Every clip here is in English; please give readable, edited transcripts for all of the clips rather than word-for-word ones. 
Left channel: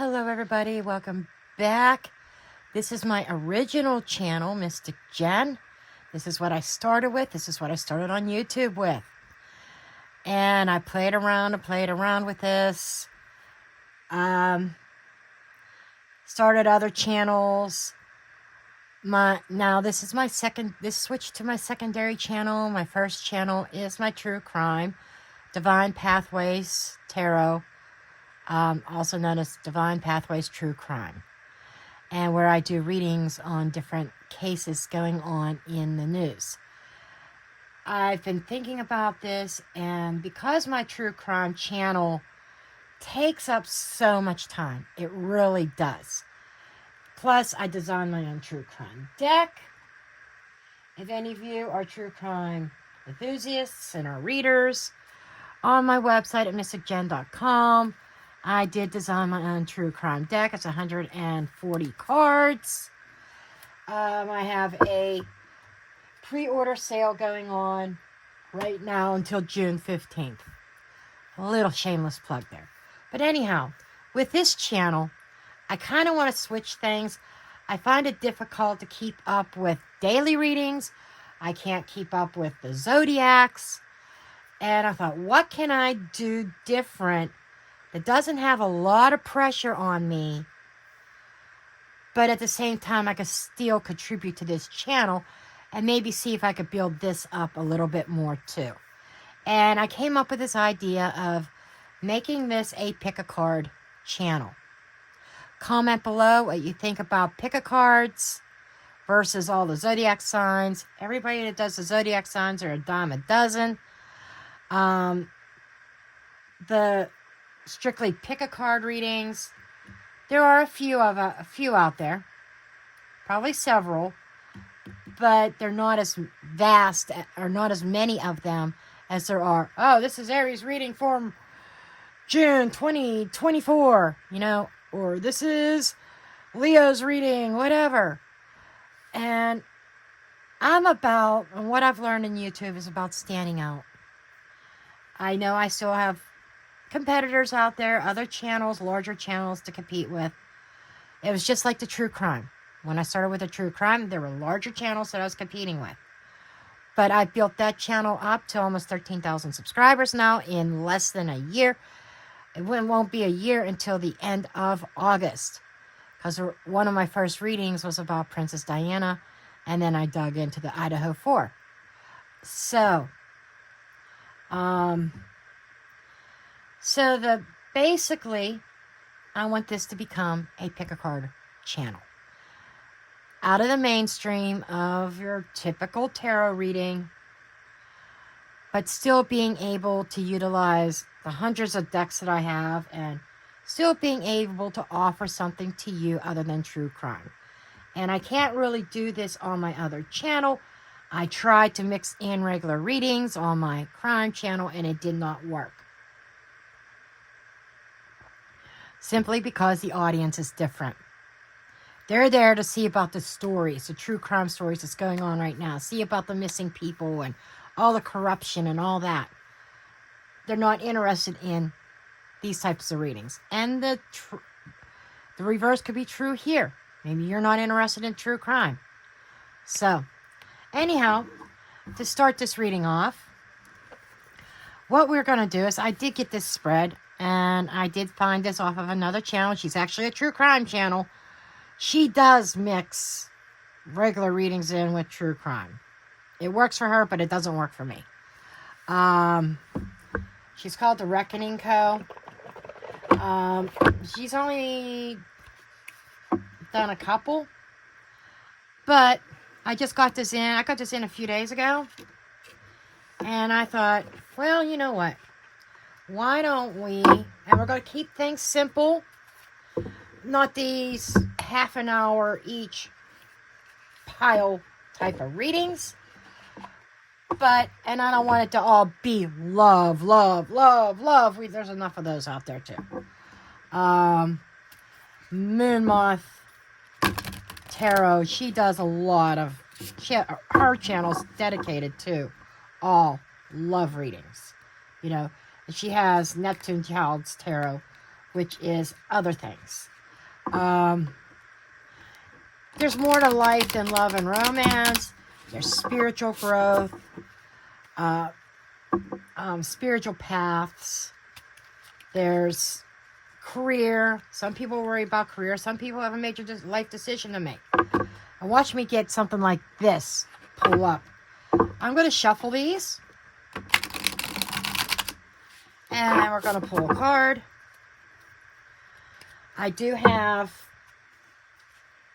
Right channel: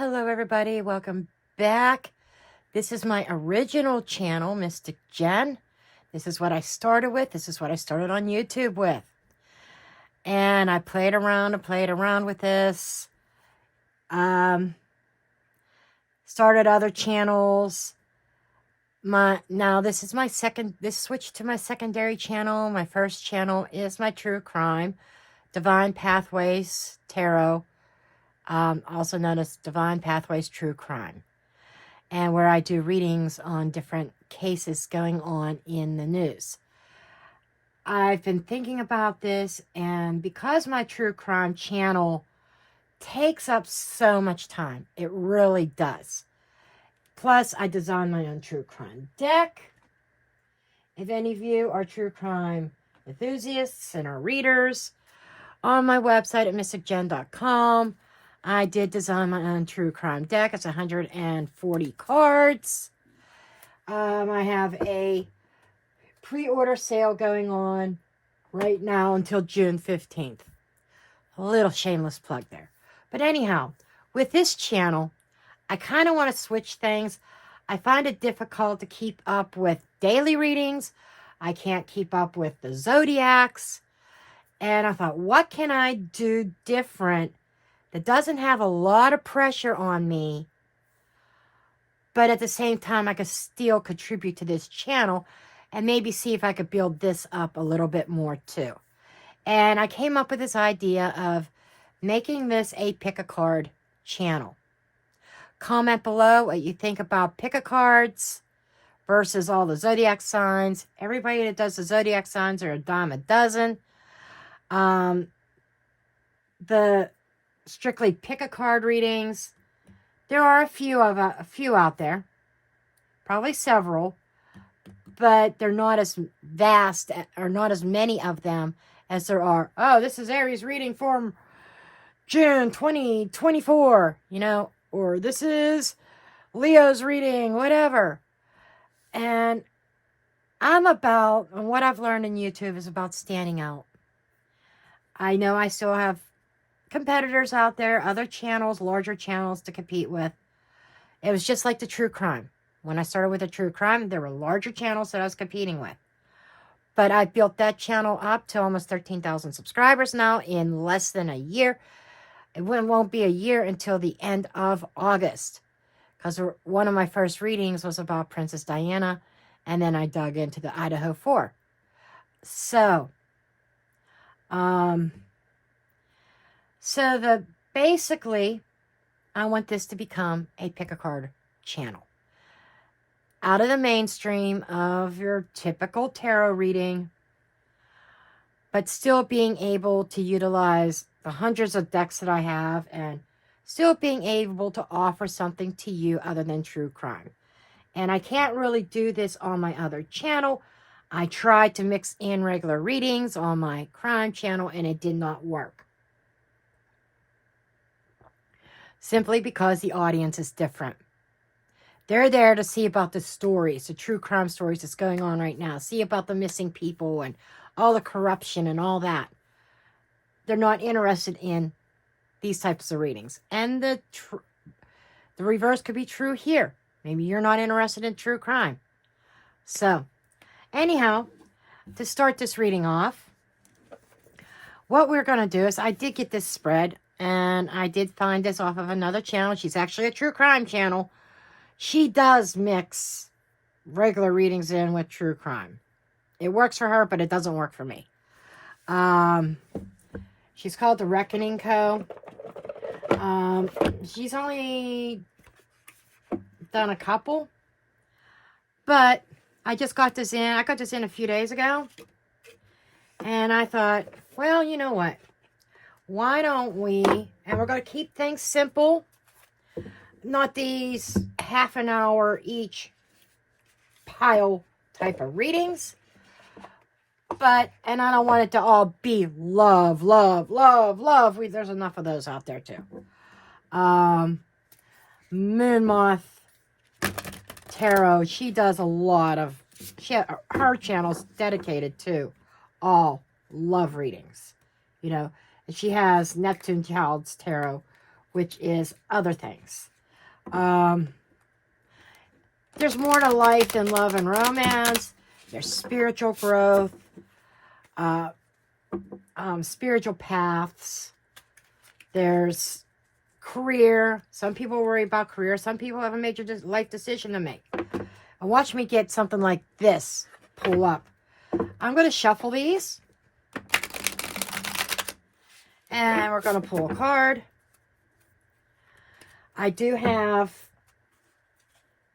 Hello everybody, welcome back. This is my original channel, Mystic Jen. This is what I started with. This is what I started on YouTube with. And I played around with this. Started other channels. Now this is my this switched to my secondary channel. My first channel is my true crime, Divine Pathways Tarot. Also known as Divine Pathways True Crime, and where I do readings on different cases going on in the news. I've been thinking about this, and because my true crime channel takes up so much time, it really does. Plus, I design my own true crime deck. If any of you are true crime enthusiasts and are readers, on my website at mysticjen.com, I did design my own true crime deck. It's 140 cards. I have a pre-order sale going on right now until June 15th. A little shameless plug there. But anyhow, with this channel, I kind of want to switch things. I find it difficult to keep up with daily readings. I can't keep up with the zodiacs. And I thought, what can I do different that doesn't have a lot of pressure on me, but at the same time I could still contribute to this channel and maybe see if I could build this up a little bit more too. And I came up with this idea of making this a pick-a-card channel. Comment below what you think about pick-a-cards versus all the zodiac signs. Everybody that does the zodiac signs are a dime a dozen. The strictly pick-a-card readings, there are a few out there, probably several, but they're not as vast or not as many of them as there are. Oh, this is Aries reading for June 2024, or this is Leo's reading, whatever. And what I've learned in YouTube is about standing out. I know I still have competitors out there, other channels, larger channels to compete with. It was just like the true crime. When I started with the true crime, there were larger channels that I was competing with. But I built that channel up to almost 13,000 subscribers now in less than a year. It won't be a year until the end of August, because one of my first readings was about Princess Diana, and then I dug into the Idaho 4. So, basically, I want this to become a pick-a-card channel. Out of the mainstream of your typical tarot reading, but still being able to utilize the hundreds of decks that I have and still being able to offer something to you other than true crime. And I can't really do this on my other channel. I tried to mix in regular readings on my crime channel and it did not work. Simply because the audience is different. They're there to see about the stories, the true crime stories that's going on right now. See about the missing people and all the corruption and all that. They're not interested in these types of readings. And the reverse could be true here. Maybe you're not interested in true crime. So, anyhow, to start this reading off, what we're going to do is I did get this spread. And I did find this off of another channel. She's actually a true crime channel. She does mix regular readings in with true crime. It works for her, but it doesn't work for me. She's called The Reckoning Co. She's only done a couple. But I just got this in. I got this in a few days ago. And I thought, well, you know what? Why don't we, and we're going to keep things simple, not these half an hour each pile type of readings, and I don't want it to all be love, love, love, love. There's enough of those out there too. Moon Moth Tarot, she does a lot of, her channel's dedicated to all love readings, She has Neptune Child's Tarot, which is other things. There's more to life than love and romance. There's spiritual growth, spiritual paths. There's career. Some people worry about career. Some people have a major life decision to make. And watch me get something like this pull up. I'm going to shuffle these. And we're going to pull a card. I do have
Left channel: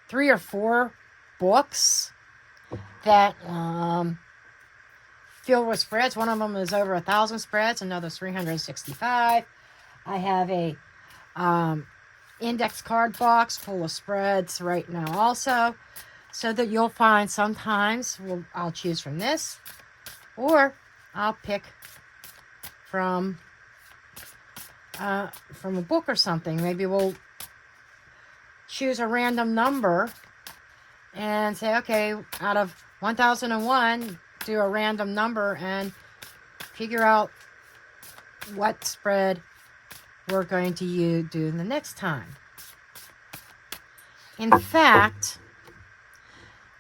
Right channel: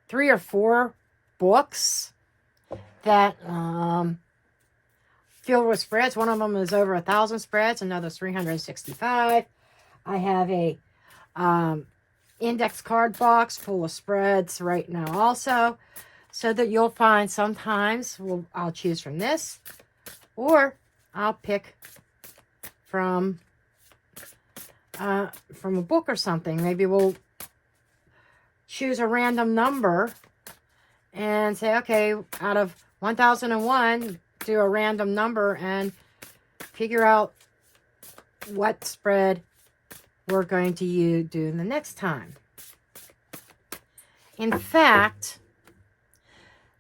3 or 4 books that filled with spreads. One of them is over 1,000 spreads. Another's 365. I have a index card box full of spreads right now also. So that you'll find sometimes I'll choose from this. Or I'll pick from a book or something. Maybe we'll choose a random number and say, okay, out of 1001, do a random number and figure out what spread we're going to do the next time. In fact,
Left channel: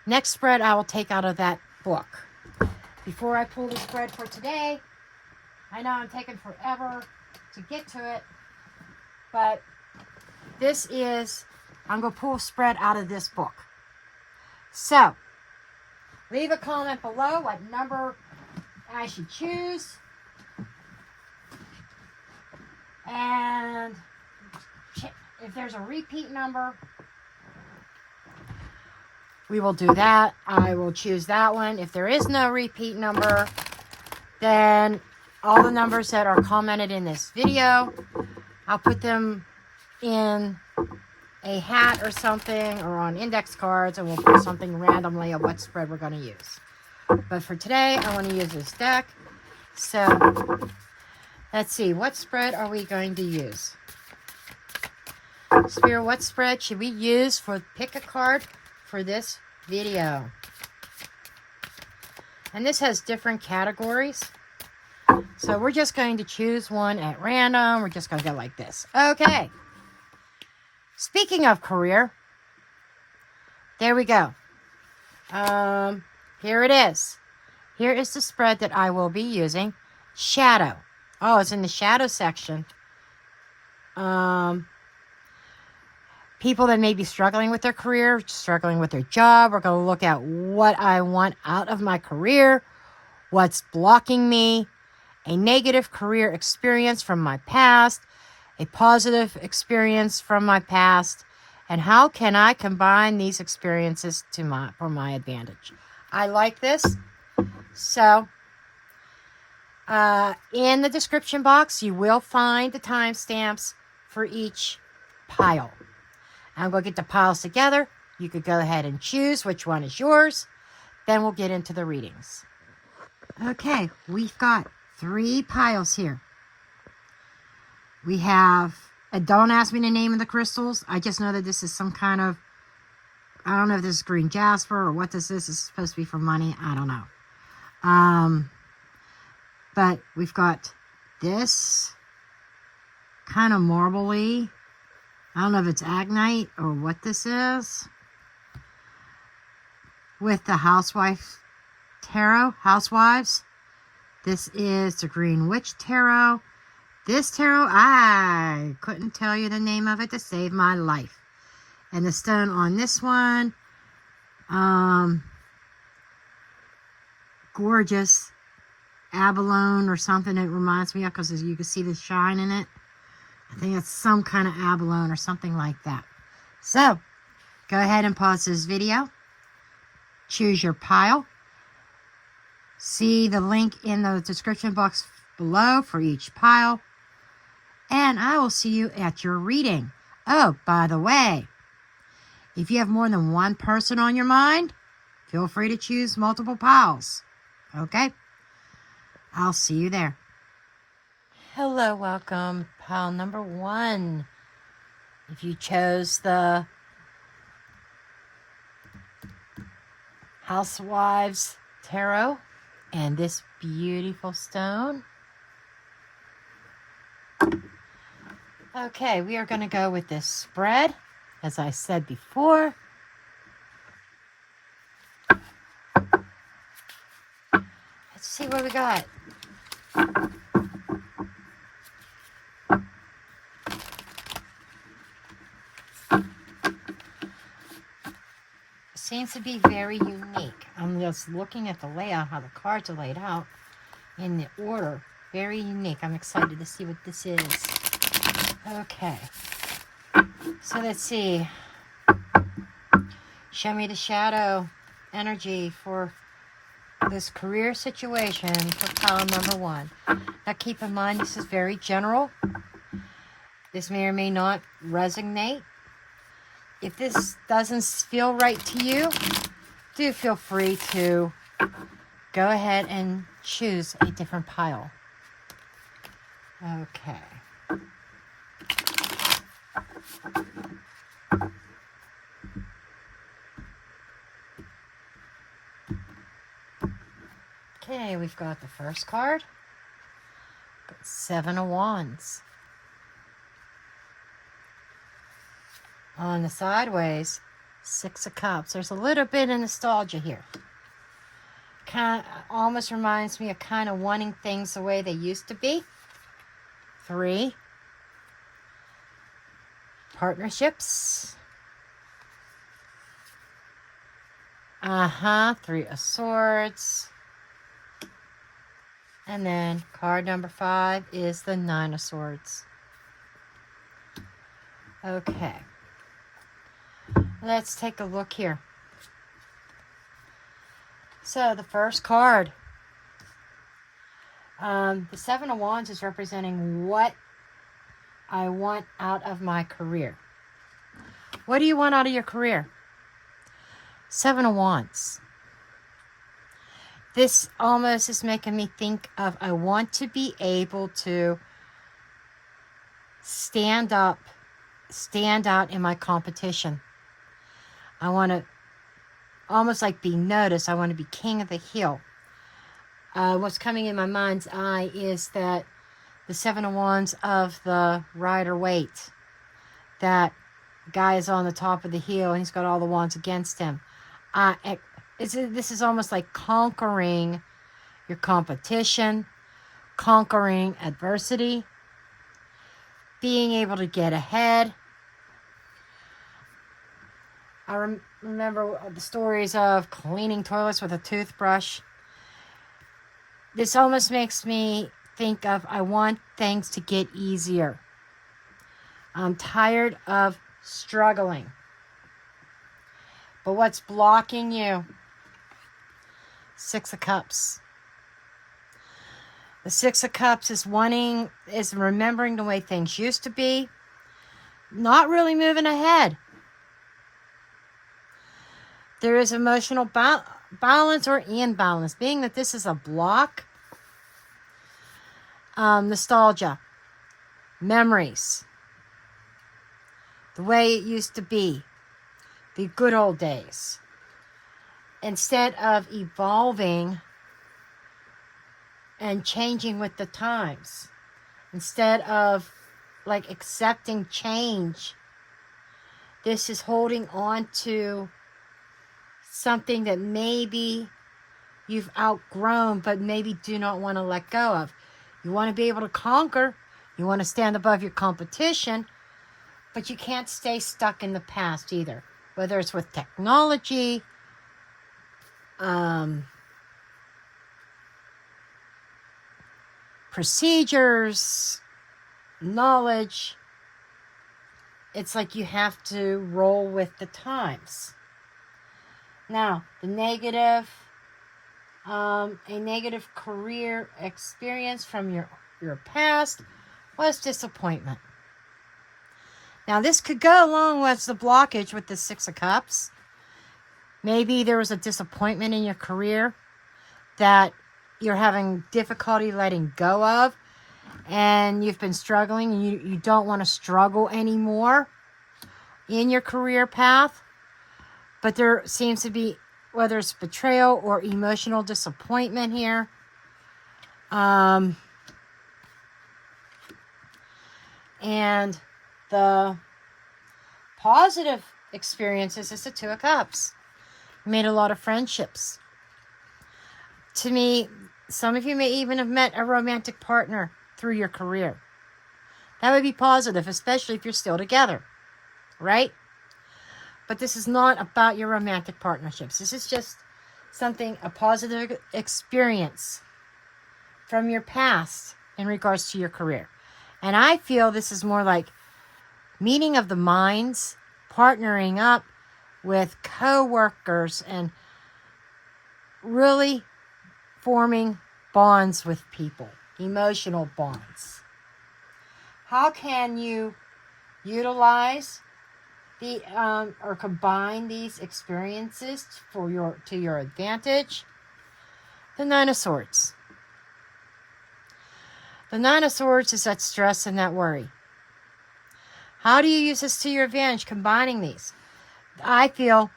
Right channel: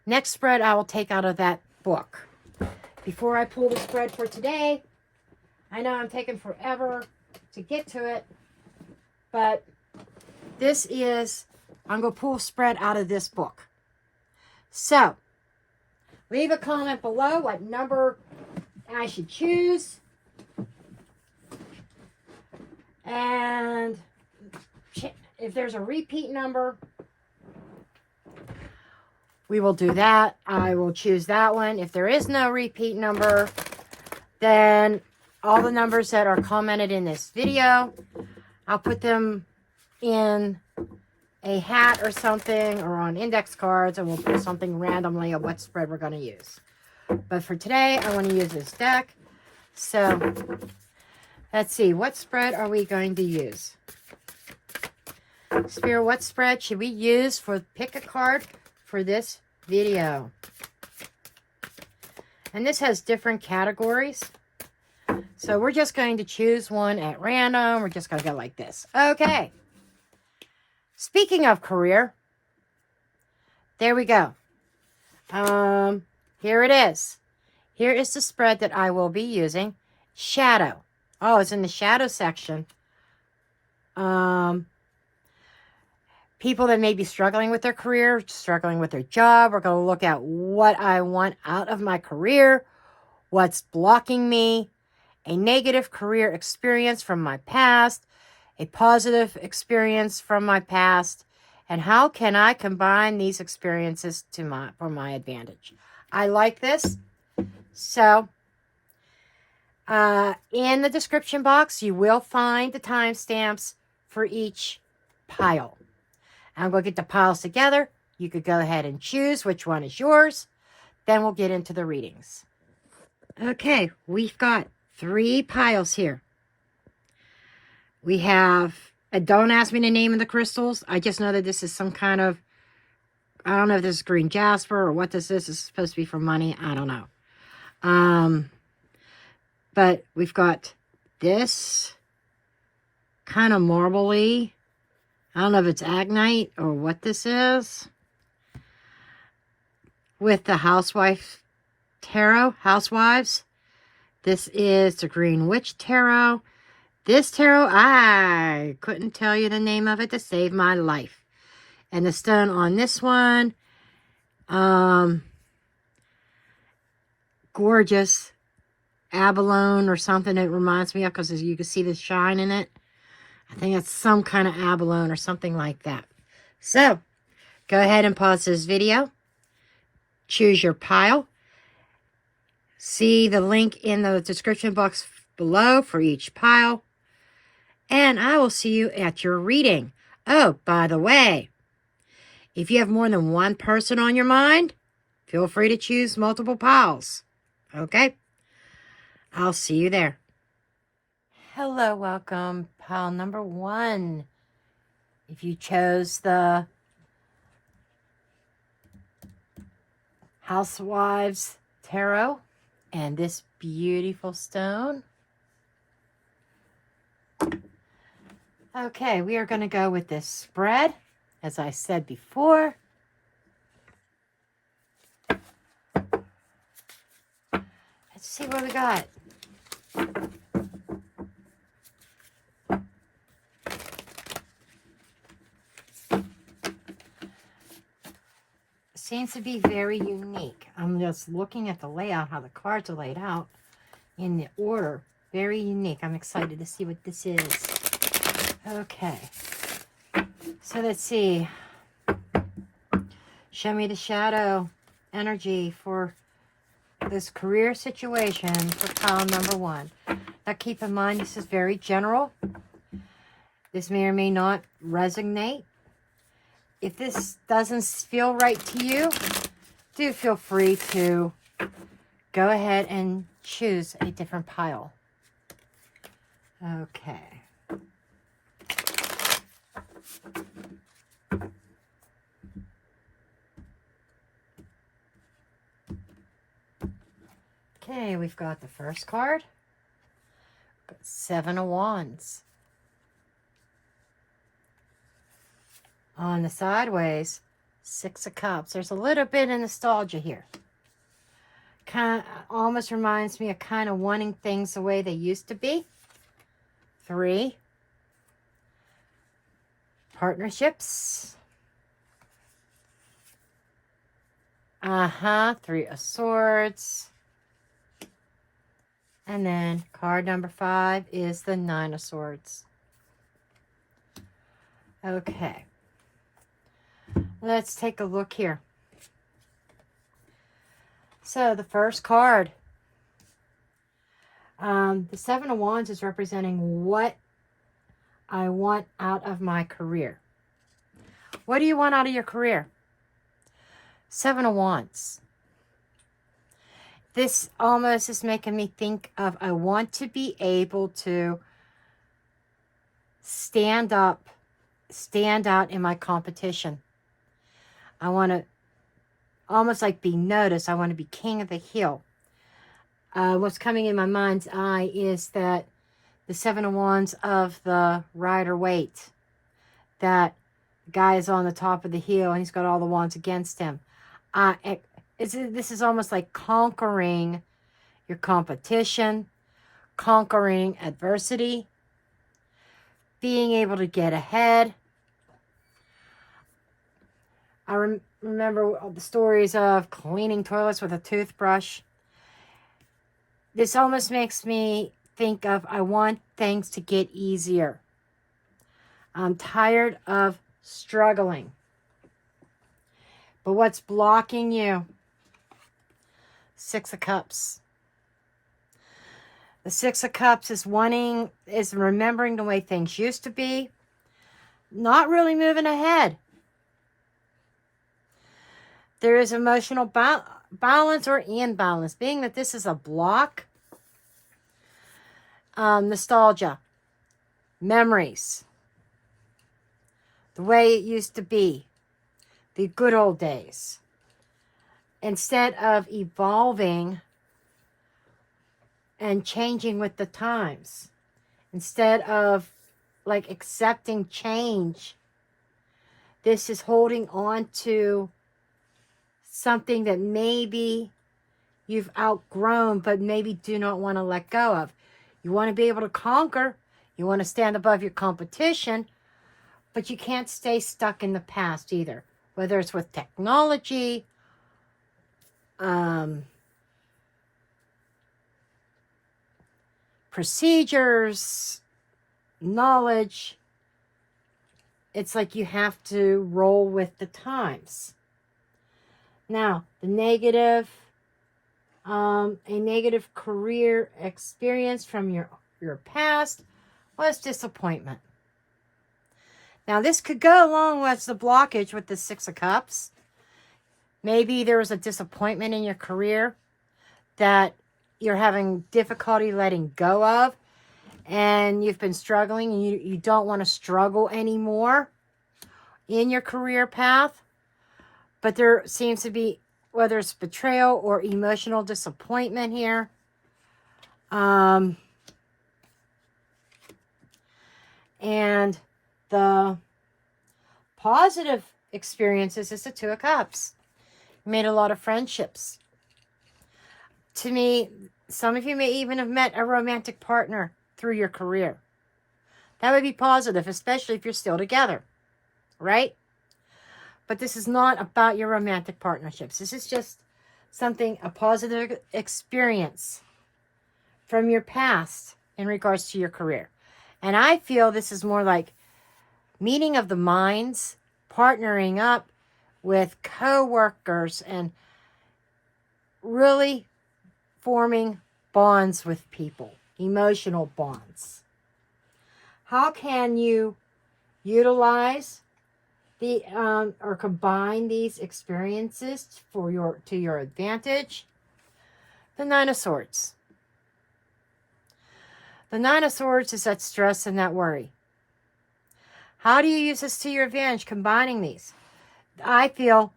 next spread I will take out of that book. Before I pull the spread for today, I know I'm taking forever to get to it, but this is, I'm going to pull a spread out of this book. So, leave a comment below what number I should choose. And if there's a repeat number, we will do that. I will choose that one. If there is no repeat number, then all the numbers that are commented in this video, I'll put them in a hat or something, or on index cards, and we'll put something randomly of what spread we're going to use. But for today, I want to use this deck. So, let's see. What spread are we going to use? Spirit, what spread should we use for pick a card for this video? And this has different categories. So we're just going to choose one at random. We're just going to go like this. Okay. Speaking of career, there we go. Here it is. Here is the spread that I will be using. Shadow. Oh, it's in the shadow section. People that may be struggling with their career, struggling with their job. We're going to look at what I want out of my career, what's blocking me, a negative career experience from my past, a positive experience from my past, and how can I combine these experiences for my advantage. I like this. So, in the description box, you will find the timestamps for each pile. I'm going to get the piles together. You could go ahead and choose which one is yours. Then we'll get into the readings. Okay, we've got 3 piles here. We have, don't ask me the name of the crystals. I just know that this is some kind of, I don't know if this is green jasper or what this is. It's supposed to be for money. I don't know. But we've got this kind of marbly. I don't know if it's agnite or what this is. With the Housewife Tarot, Housewives. This is the Green Witch Tarot. This tarot, I couldn't tell you the name of it to save my life. And the stone on this one, gorgeous abalone or something it reminds me of, because you can see the shine in it. I think it's some kind of abalone or something like that. So, go ahead and pause this video. Choose your pile. See the link in the description box below for each pile. And I will see you at your reading. Oh, by the way, if you have more than one person on your mind, feel free to choose multiple piles. Okay? I'll see you there. Hello, welcome. Pile number 1. If you chose the Housewives Tarot and this beautiful stone, Okay, we are going to go with this spread, as I said before. Let's see what we got. Seems to be very unique. I'm just looking at the layout, how the cards are laid out in the order. Very unique. I'm excited to see what this is. Okay. So let's see. Show me the shadow energy for this career situation for pile number 1. Now keep in mind, this is very general. This may or may not resonate. If this doesn't feel right to you, do feel free to go ahead and choose a different pile. Okay. Okay, we've got the first card. Got 7 of Wands. On the sideways, 6 of Cups. There's a little bit of nostalgia here. Kind of almost reminds me of kind of wanting things the way they used to be. 3. Partnerships. 3 of Swords. And then card number 5 is the 9 of Swords. Okay. Let's take a look here. So the first card, the 7 of Wands is representing what I want out of my career. What do you want out of your career? 7 of Wands. This almost is making me think of, I want to be able to stand out in my competition. I want to almost like be noticed. I want to be king of the hill. What's coming in my mind's eye is that the 7 of Wands of the Rider-Waite. That guy is on the top of the hill and he's got all the wands against him. This is almost like conquering your competition, conquering adversity, being able to get ahead. I remember the stories of cleaning toilets with a toothbrush. This almost makes me think of, I want things to get easier. I'm tired of struggling. But what's blocking you? 6 of Cups. The 6 of Cups is remembering the way things used to be. Not really moving ahead. There is emotional balance or imbalance. Being that this is a block. Nostalgia. Memories. The way it used to be. The good old days. Instead of evolving and changing with the times. Instead of like accepting change. This is holding on to something that maybe you've outgrown, but maybe do not want to let go of. You want to be able to conquer. You want to stand above your competition, but you can't stay stuck in the past either. Whether it's with technology, procedures, knowledge. It's like you have to roll with the times. Now, the negative, a negative career experience from your past was disappointment. Now, this could go along with the blockage with the 6 of Cups. Maybe there was a disappointment in your career that you're having difficulty letting go of, and you've been struggling, and you don't want to struggle anymore in your career path. But there seems to be, whether it's betrayal or emotional disappointment here. And the positive experiences is the Two of Cups. Made a lot of friendships. To me, some of you may even have met a romantic partner through your career. That would be positive, especially if you're still together, right? But this is not about your romantic partnerships. This is just something, a positive experience from your past in regards to your career. And I feel this is more like meeting of the minds, partnering up with co-workers, and really forming bonds with people, emotional bonds. How can you utilize the or combine these experiences to your advantage? The Nine of Swords. The Nine of Swords is that stress and that worry. How do you use this to your advantage, combining these? I feel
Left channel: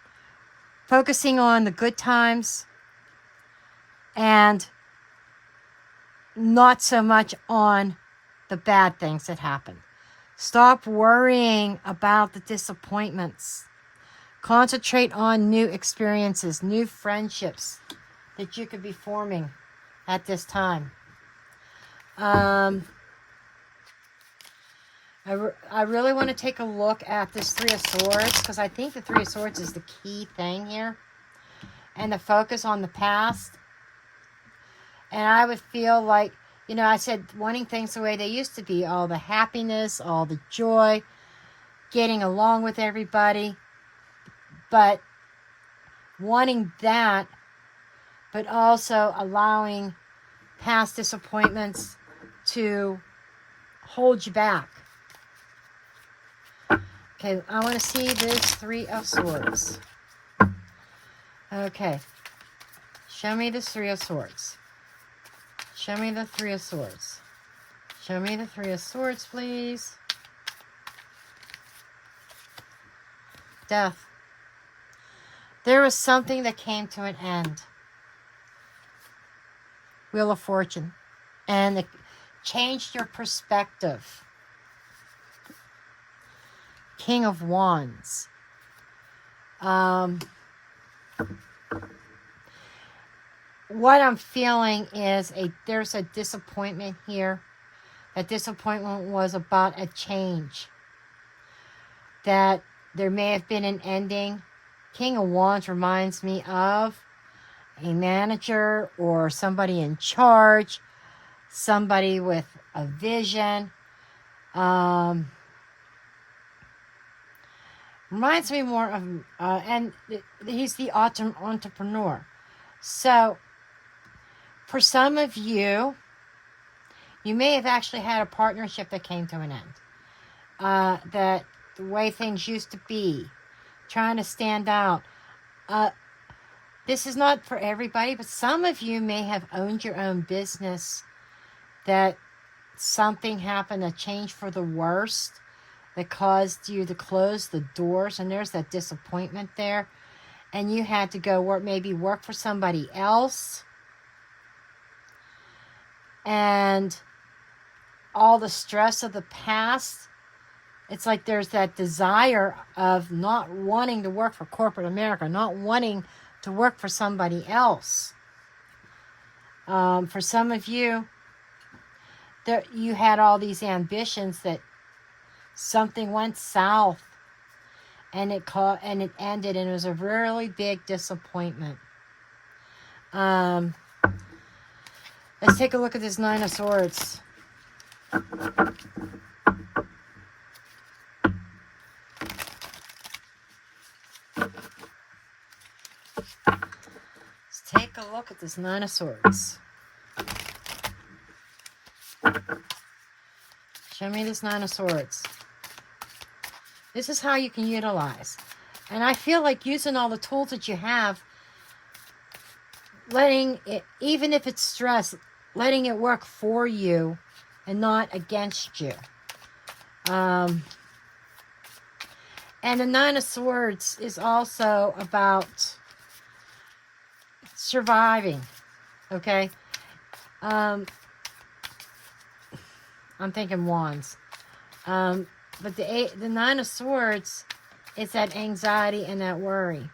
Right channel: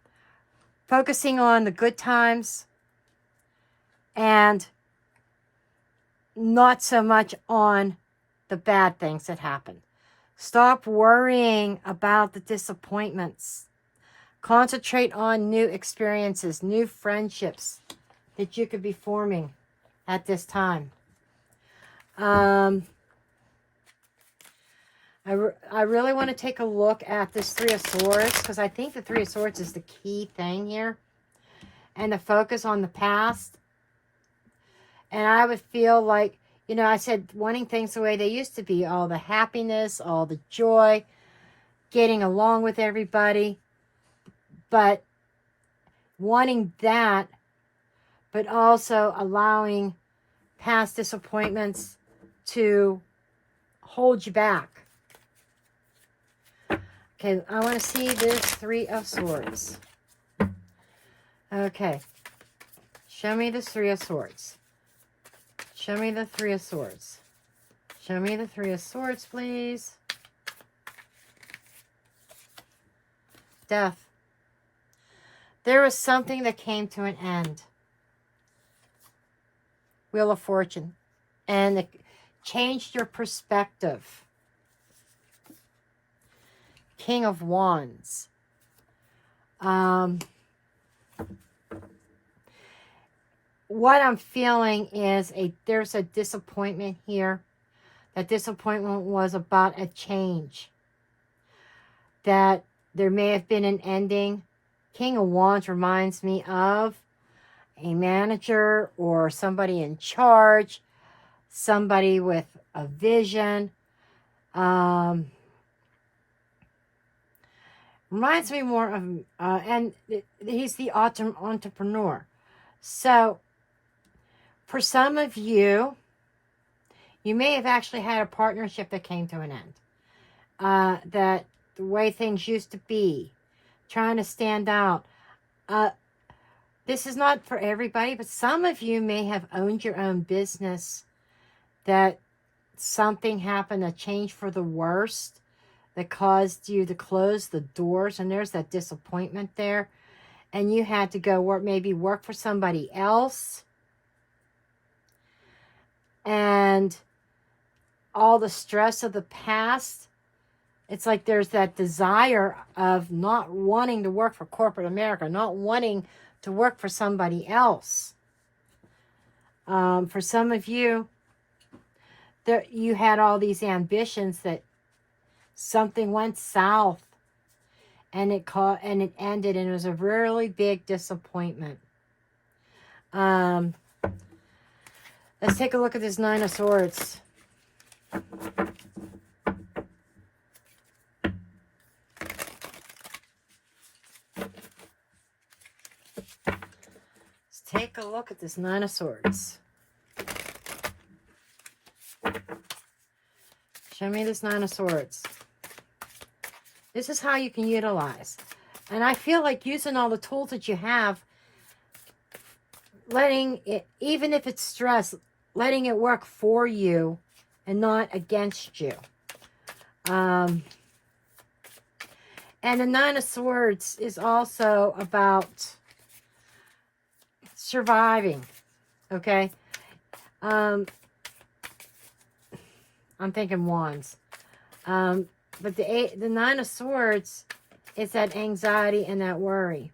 focusing on the good times and not so much on the bad things that happen. Stop worrying about the disappointments. Concentrate on new experiences, new friendships that you could be forming at this time. I really want to take a look at this Three of Swords, because I think the Three of Swords is the key thing here. And the focus on the past. And I would feel like, you know, I said wanting things the way they used to be. All the happiness, all the joy, getting along with everybody. But wanting that, but also allowing past disappointments to hold you back. Okay, I want to see this Three of Swords. Okay. Show me this Three of Swords. Show me the Three of Swords. Show me the Three of Swords, please. Death. There was something that came to an end. Wheel of Fortune. And it changed your perspective. King of Wands. What I'm feeling is there's a disappointment here. That disappointment was about a change. That there may have been an ending. King of Wands reminds me of a manager or somebody in charge. Somebody with a vision. Reminds me more of, and he's the entrepreneur. So, for some of you, you may have actually had a partnership that came to an end. That the way things used to be, trying to stand out. This is not for everybody, but some of you may have owned your own business, that something happened, a change for the worst, that caused you to close the doors, and there's that disappointment there. And you had to go work, maybe work for somebody else. And all the stress of the past, it's like there's that desire of not wanting to work for corporate America, not wanting to work for somebody else. For some of you, you had all these ambitions that something went south. And it ended, and it was a really big disappointment. Let's take a look at this Nine of Swords. Let's take a look at this Nine of Swords. Show me this Nine of Swords. This is how you can utilize. And I feel like using all the tools that you have, letting it, even if it's stress, letting it work for you and not against you. And the Nine of Swords is also about surviving. Okay? I'm thinking Wands. But the Nine of Swords is that anxiety and that worry.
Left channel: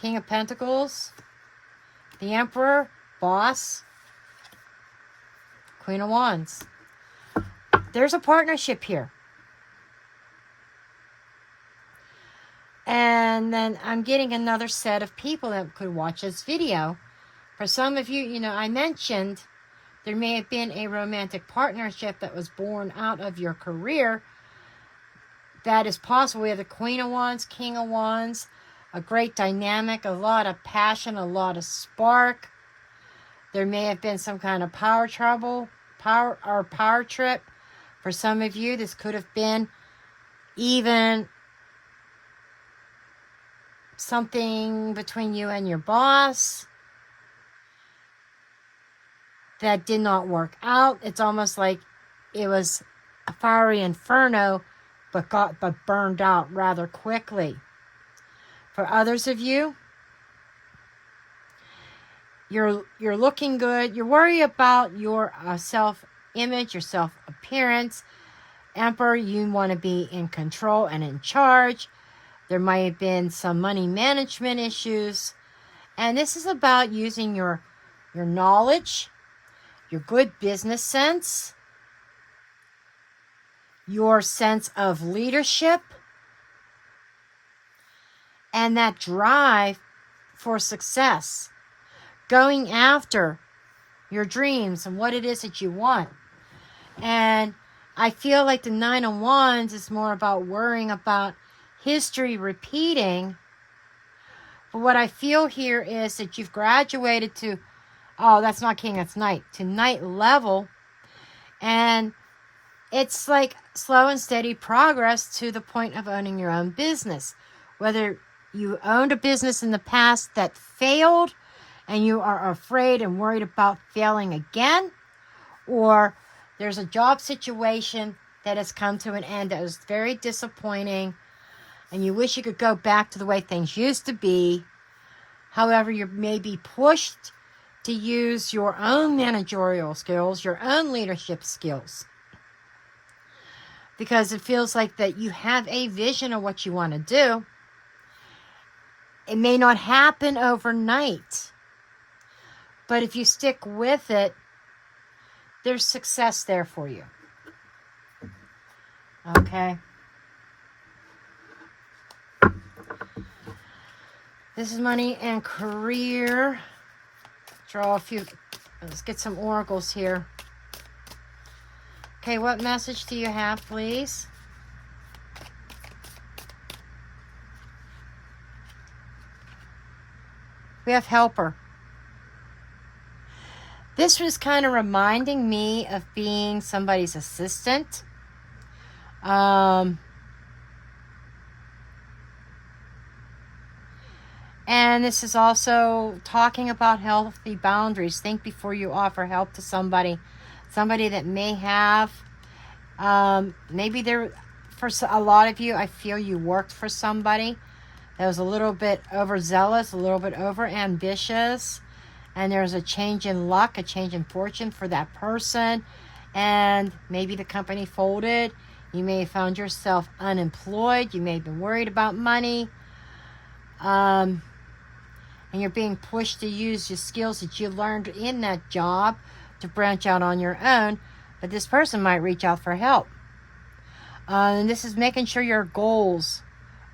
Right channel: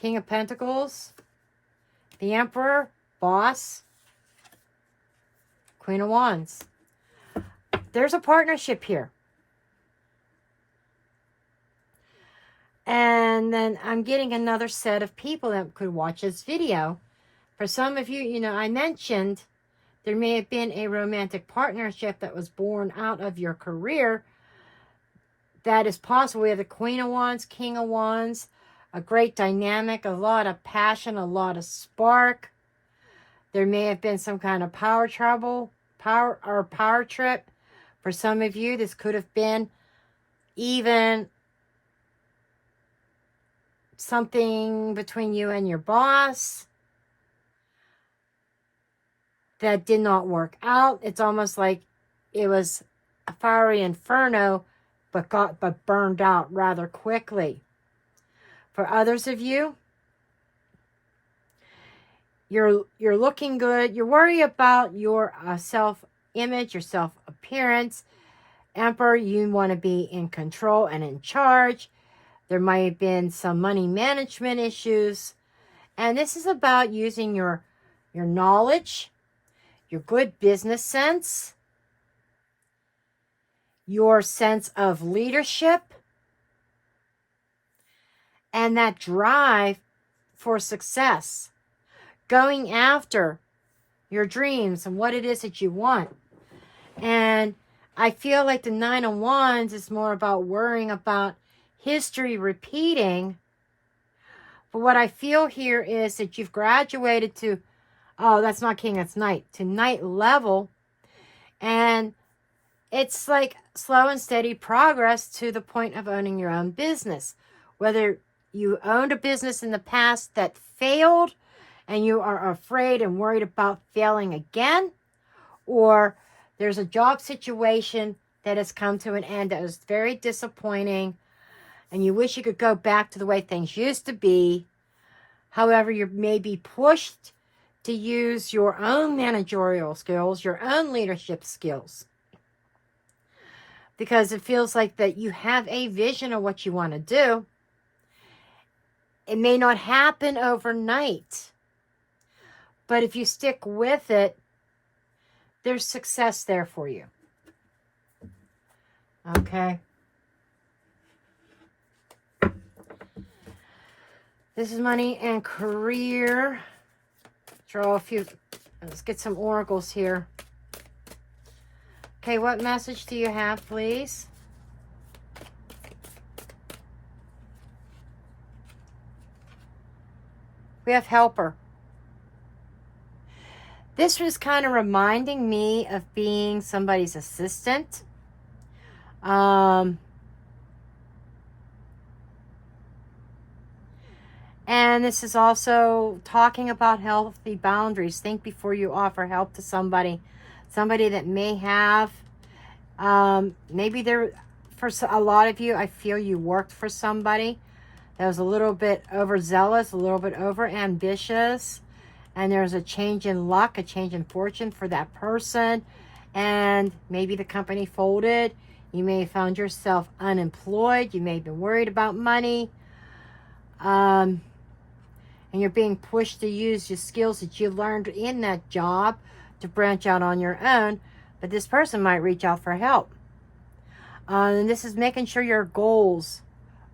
King of Pentacles, the Emperor, boss, Queen of Wands. There's a partnership here. And then I'm getting another set of people that could watch this video. For some of you, you know, I mentioned there may have been a romantic partnership that was born out of your career. That is possible. We have the Queen of Wands, King of Wands, a great dynamic, a lot of passion, a lot of spark. There may have been some kind of power trip. For some of you, this could have been even something between you and your boss that did not work out. It's almost like it was a fiery inferno, but burned out rather quickly. For others of you, you're looking good. You worry about your self-image, your self-appearance. Emperor, you want to be in control and in charge. There might have been some money management issues. And this is about using your knowledge, your good business sense, your sense of leadership, and that drive for success. Going after your dreams and what it is that you want. And I feel like the Nine of Wands is more about worrying about history repeating. But what I feel here is that you've graduated to, oh, that's not king, that's knight, to knight level. And it's like slow and steady progress to the point of owning your own business. Whether you owned a business in the past that failed and you are afraid and worried about failing again, or there's a job situation that has come to an end that was very disappointing and you wish you could go back to the way things used to be. However, you may be pushed to use your own managerial skills, your own leadership skills, because it feels like that you have a vision of what you want to do. It may not happen overnight, but if you stick with it, there's success there for you. Okay. This is money and career. Draw a few. Let's get some oracles here. Okay, what message do you have, please? We have helper. This was kind of reminding me of being somebody's assistant. And this is also talking about healthy boundaries. Think before you offer help to somebody. Somebody that may have, maybe there, for a lot of you, I feel you worked for somebody that was a little bit overzealous, a little bit over ambitious. And there's a change in luck, a change in fortune for that person. And maybe the company folded. You may have found yourself unemployed. You may have been worried about money. And you're being pushed to use your skills that you learned in that job to branch out on your own. But this person might reach out for help. And this is making sure your goals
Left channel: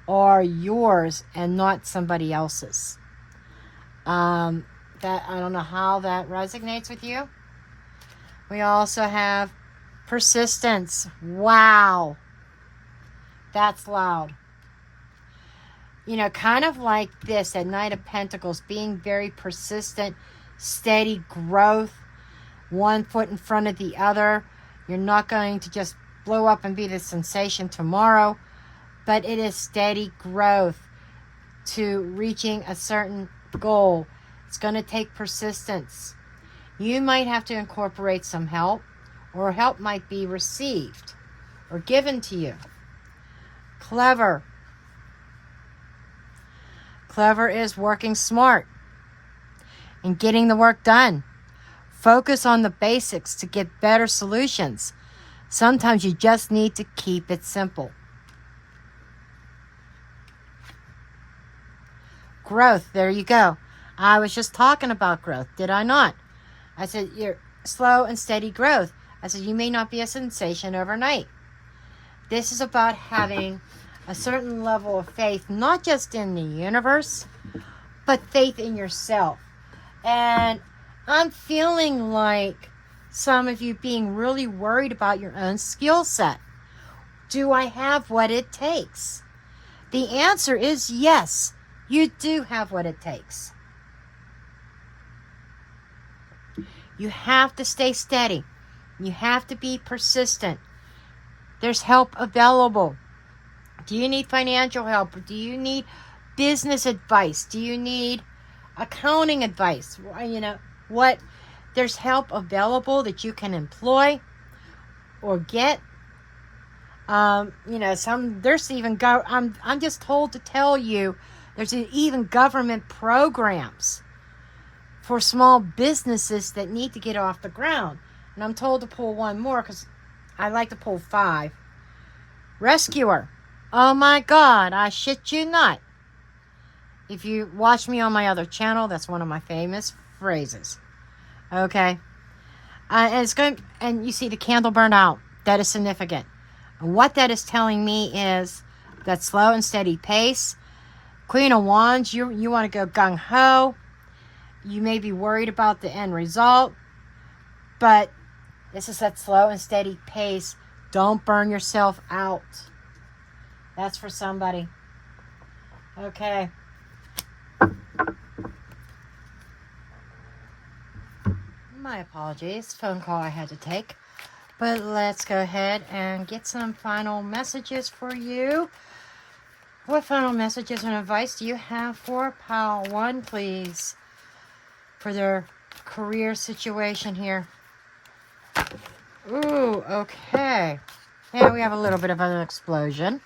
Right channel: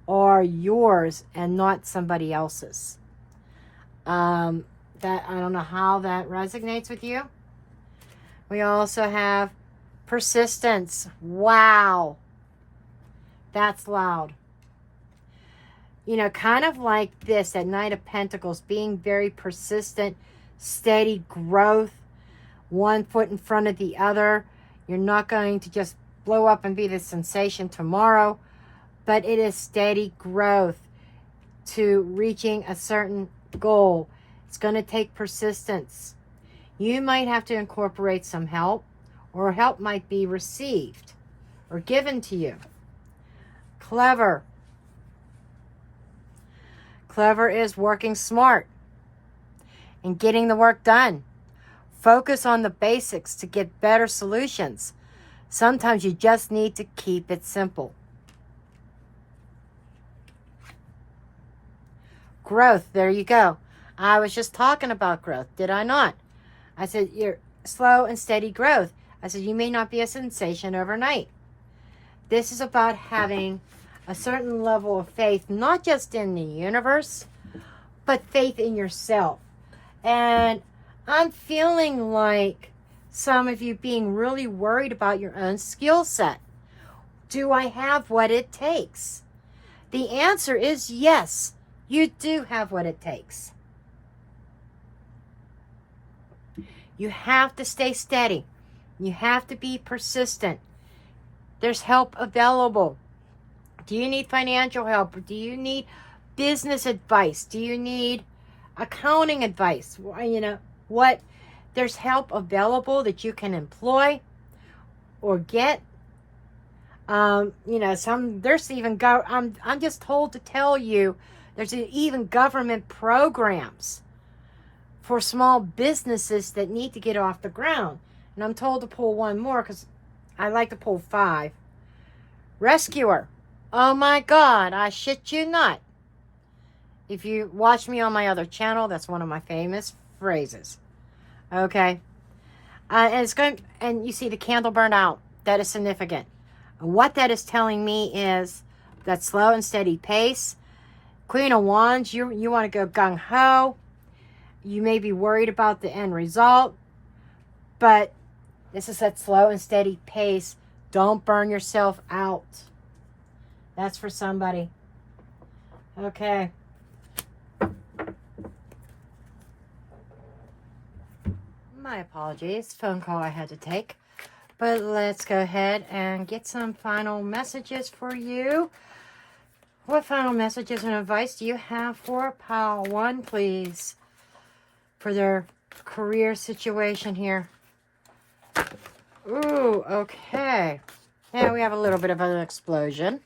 are yours and not somebody else's. That I don't know how that resonates with you. We also have persistence. Wow. That's loud. You know, kind of like this at Knight of Pentacles, being very persistent, steady growth, one foot in front of the other. You're not going to just blow up and be the sensation tomorrow, but it is steady growth to reaching a certain goal. It's going to take persistence. You might have to incorporate some help, or help might be received or given to you. Clever. Clever is working smart and getting the work done. Focus on the basics to get better solutions. Sometimes you just need to keep it simple. Growth, there you go. I was just talking about growth, did I not? I said, you're slow and steady growth. I said, you may not be a sensation overnight. This is about having a certain level of faith, not just in the universe, but faith in yourself. And I'm feeling like some of you being really worried about your own skill set. Do I have what it takes? The answer is yes, you do have what it takes. You have to stay steady. You have to be persistent. There's help available. Do you need financial help? Do you need business advice? Do you need accounting advice? You know what? There's help available that you can employ or get. You know, there's even I'm just told to tell you, there's even government programs for small businesses that need to get off the ground. And I'm told to pull one more because I like to pull 5. Rescuer. Oh my God, I shit you not. If you watch me on my other channel, that's one of my famous phrases. Okay. And it's going, and you see the candle burn out. That is significant. And what that is telling me is that slow and steady pace. Queen of Wands, you want to go gung-ho. You may be worried about the end result, but this is that slow and steady pace. Don't burn yourself out. That's for somebody. Okay. My apologies. Phone call I had to take. But let's go ahead and get some final messages for you. What final messages and advice do you have for Pile 1, please? For their career situation here. Ooh, okay. Yeah, we have a little bit of an explosion.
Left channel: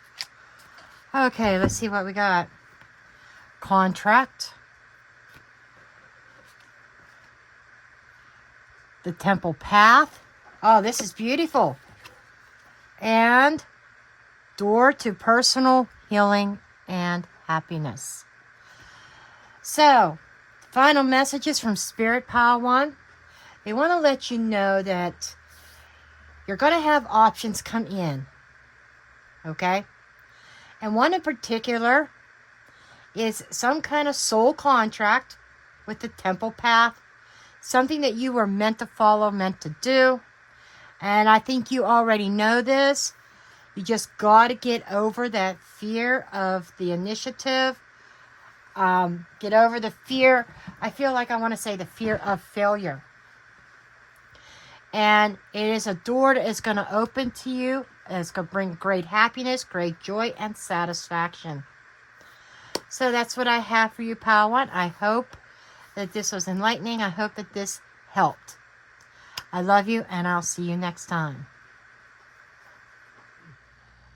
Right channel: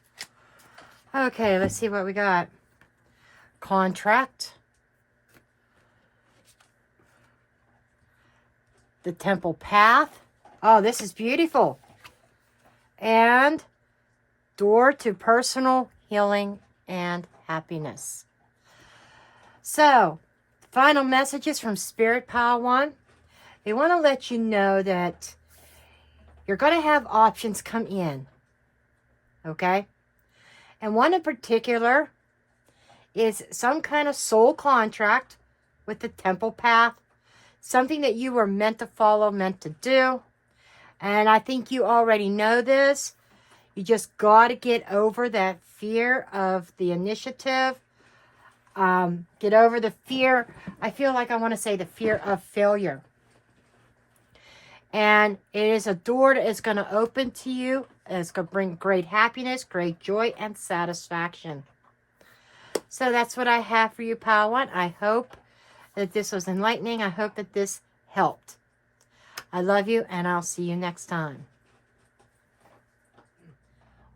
Okay, let's see what we got. Contract. The Temple Path. Oh, this is beautiful. And door to personal healing and happiness. So, final messages from Spirit Pile 1. They want to let you know that you're going to have options come in. Okay? And one in particular is some kind of soul contract with the Temple Path. Something that you were meant to follow, meant to do. And I think you already know this. You just got to get over that fear of the initiative. Get over the fear. I feel like I want to say the fear of failure. And it is a door that is going to open to you. It's going to bring great happiness, great joy, and satisfaction. So that's what I have for you, Pile 1. I hope that this was enlightening. I hope that this helped. I love you, and I'll see you next time.